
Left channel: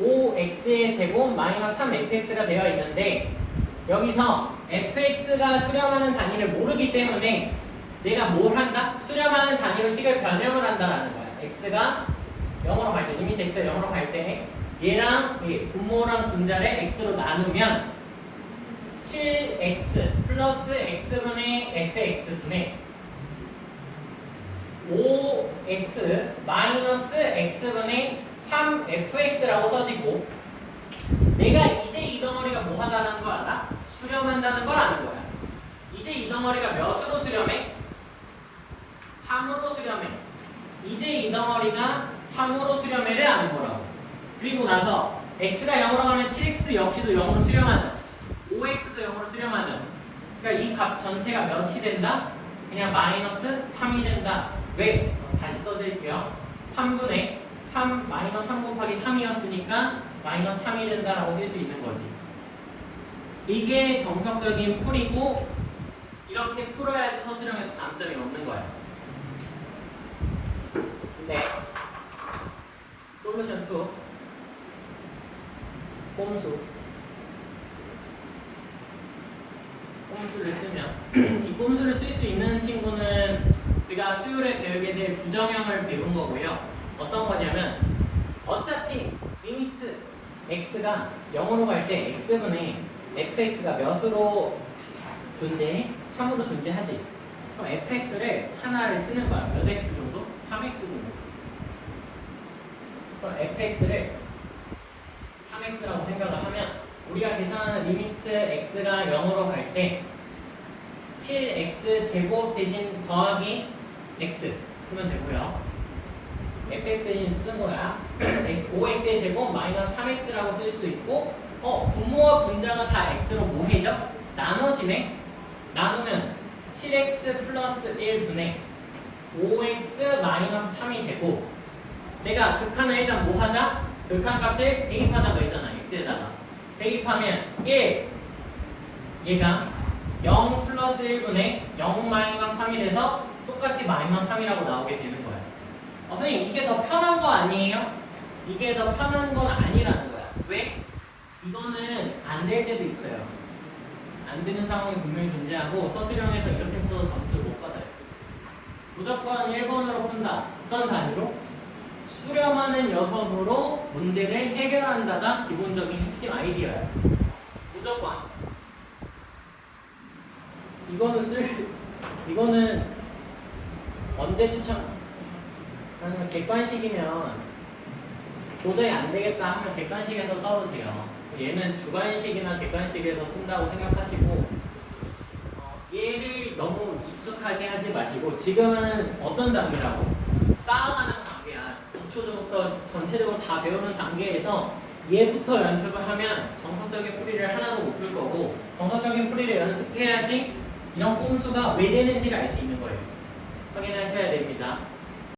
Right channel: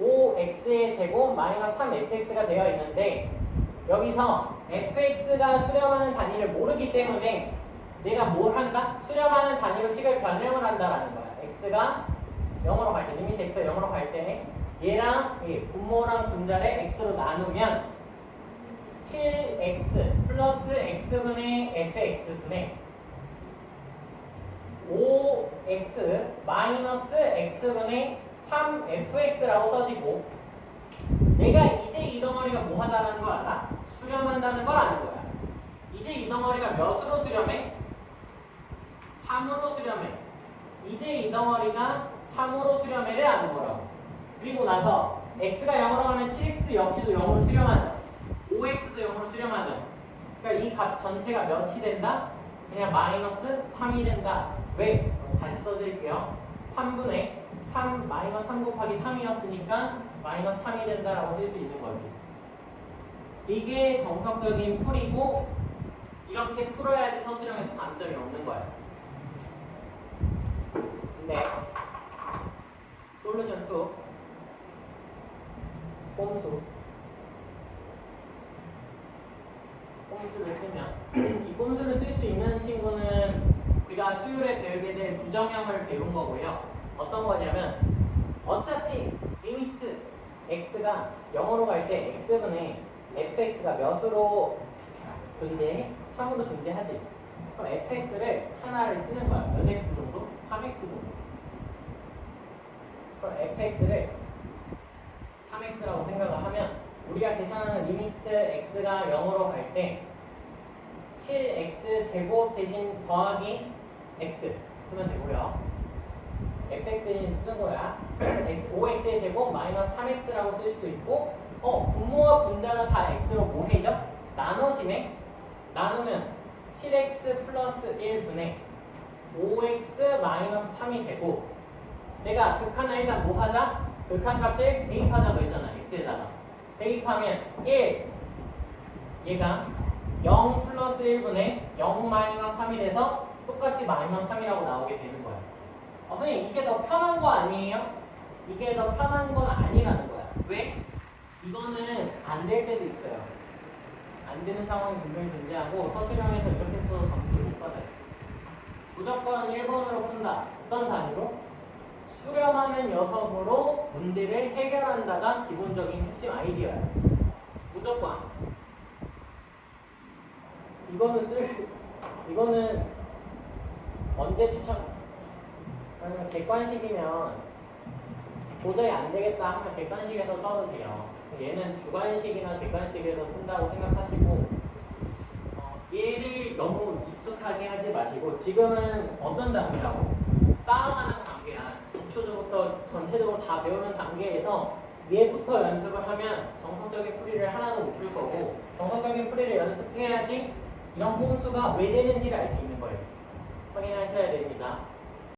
5x의 제곱 마이너스 3fx가 되어 있는데 여기서 fx가 수렴하는 단위를 모르기 때문에 내가 뭘 한다? 수렴하는 단위로 식을 변형을 한다라는 거야. x가 0으로 갈 때, 리미트 x가 0으로 갈 때 얘랑 분모랑 분자를 x로 나누면 7x 플러스 x분의 fx분의 5x 마이너스 x분의 3fx라고 써지고 내가 이제 이 덩어리가 뭐 한다는 거 알아? 수렴한다는 걸 아는 거야. 이제 이 덩어리가 몇으로 수렴해? 3으로 수렴해. 이제 이 덩어리가 3으로 수렴해를 아는 거라고. 그리고 나서 x가 0으로 가면 7x 역시도 0으로 수렴하죠. 5x도 0으로 수렴하죠. 그러니까 이 값 전체가 몇이 된다? 그냥 마이너스 3이 된다. 왜? 다시 써드릴게요. 3분의 3 마이너스 3 곱하기 3이었으니까 마이너스 3이 된다라고 쓸 수 있는 거지. 이게 정석적인 풀이고 이렇게 풀어야지 서술형에서 감점이 없는 거야. 근데 솔루션 2 꼼수를 쓰면 이 꼼수를 쓸 수 있는 친구는 우리가 수요일에 배우게 될 부정형을 배운 거고요. 어떤 거냐면 어차피 리미트 x가 0으로 갈 때 x분의 fx가 몇으로 존재해? 3으로 존재하지. 그럼 fx를 하나를 쓰는 거야. 몇 x 정도? 3x 정도. 그럼 fx를 3x라고 생각을 하면 우리가 계산하는 리미트 x가 0으로 갈 때 7x 제곱 대신 더하기 x 쓰면 되고요. fx 대신 쓰는 거야. 5x의 제곱 마이너스 3x라고 쓸 수 있고 분모와 분자가 다 x로 뭐해져? 나눠지네? 나누면 7x 플러스 1분의 5x 마이너스 3이 되고 내가 극한을 일단 뭐 하자? 극한 값을 대입하자고 했잖아. x에다가 대입하면 1 얘가 0 플러스 1분의 0 마이너스 3이 돼서 똑같이 마이너스 3이라고 나오게 되는 거야. 선생님 이게 더 편한 거 아니에요? 이게 더 편한 건 아니라는 거야. 왜? 이거는 안 될 때도 있어요. 안 되는 상황이 분명히 존재하고 서술형에서 이렇게 써서 점수를 못 받아요. 무조건 1번으로 푼다. 어떤 단위로? 수렴하는 녀석으로 문제를 해결한다가 기본적인 핵심 아이디어예요. 무조건. 이거는 언제 추천? 그러면 객관식이면 도저히 안 되겠다 하면 객관식에서 써도 돼요. 얘는 주관식이나 객관식에서 쓴다고 생각하시고 얘를 너무 익숙하게 하지 마시고 지금은 어떤 단계라고? 쌓아가는 단계야. 기초부터 전체적으로 다 배우는 단계에서 얘부터 연습을 하면 정석적인 풀이를 하나도 못 풀 거고 정석적인 풀이를 연습해야지 이런 꼼수가 왜 되는지를 알 수 있는 거예요. 확인하셔야 됩니다.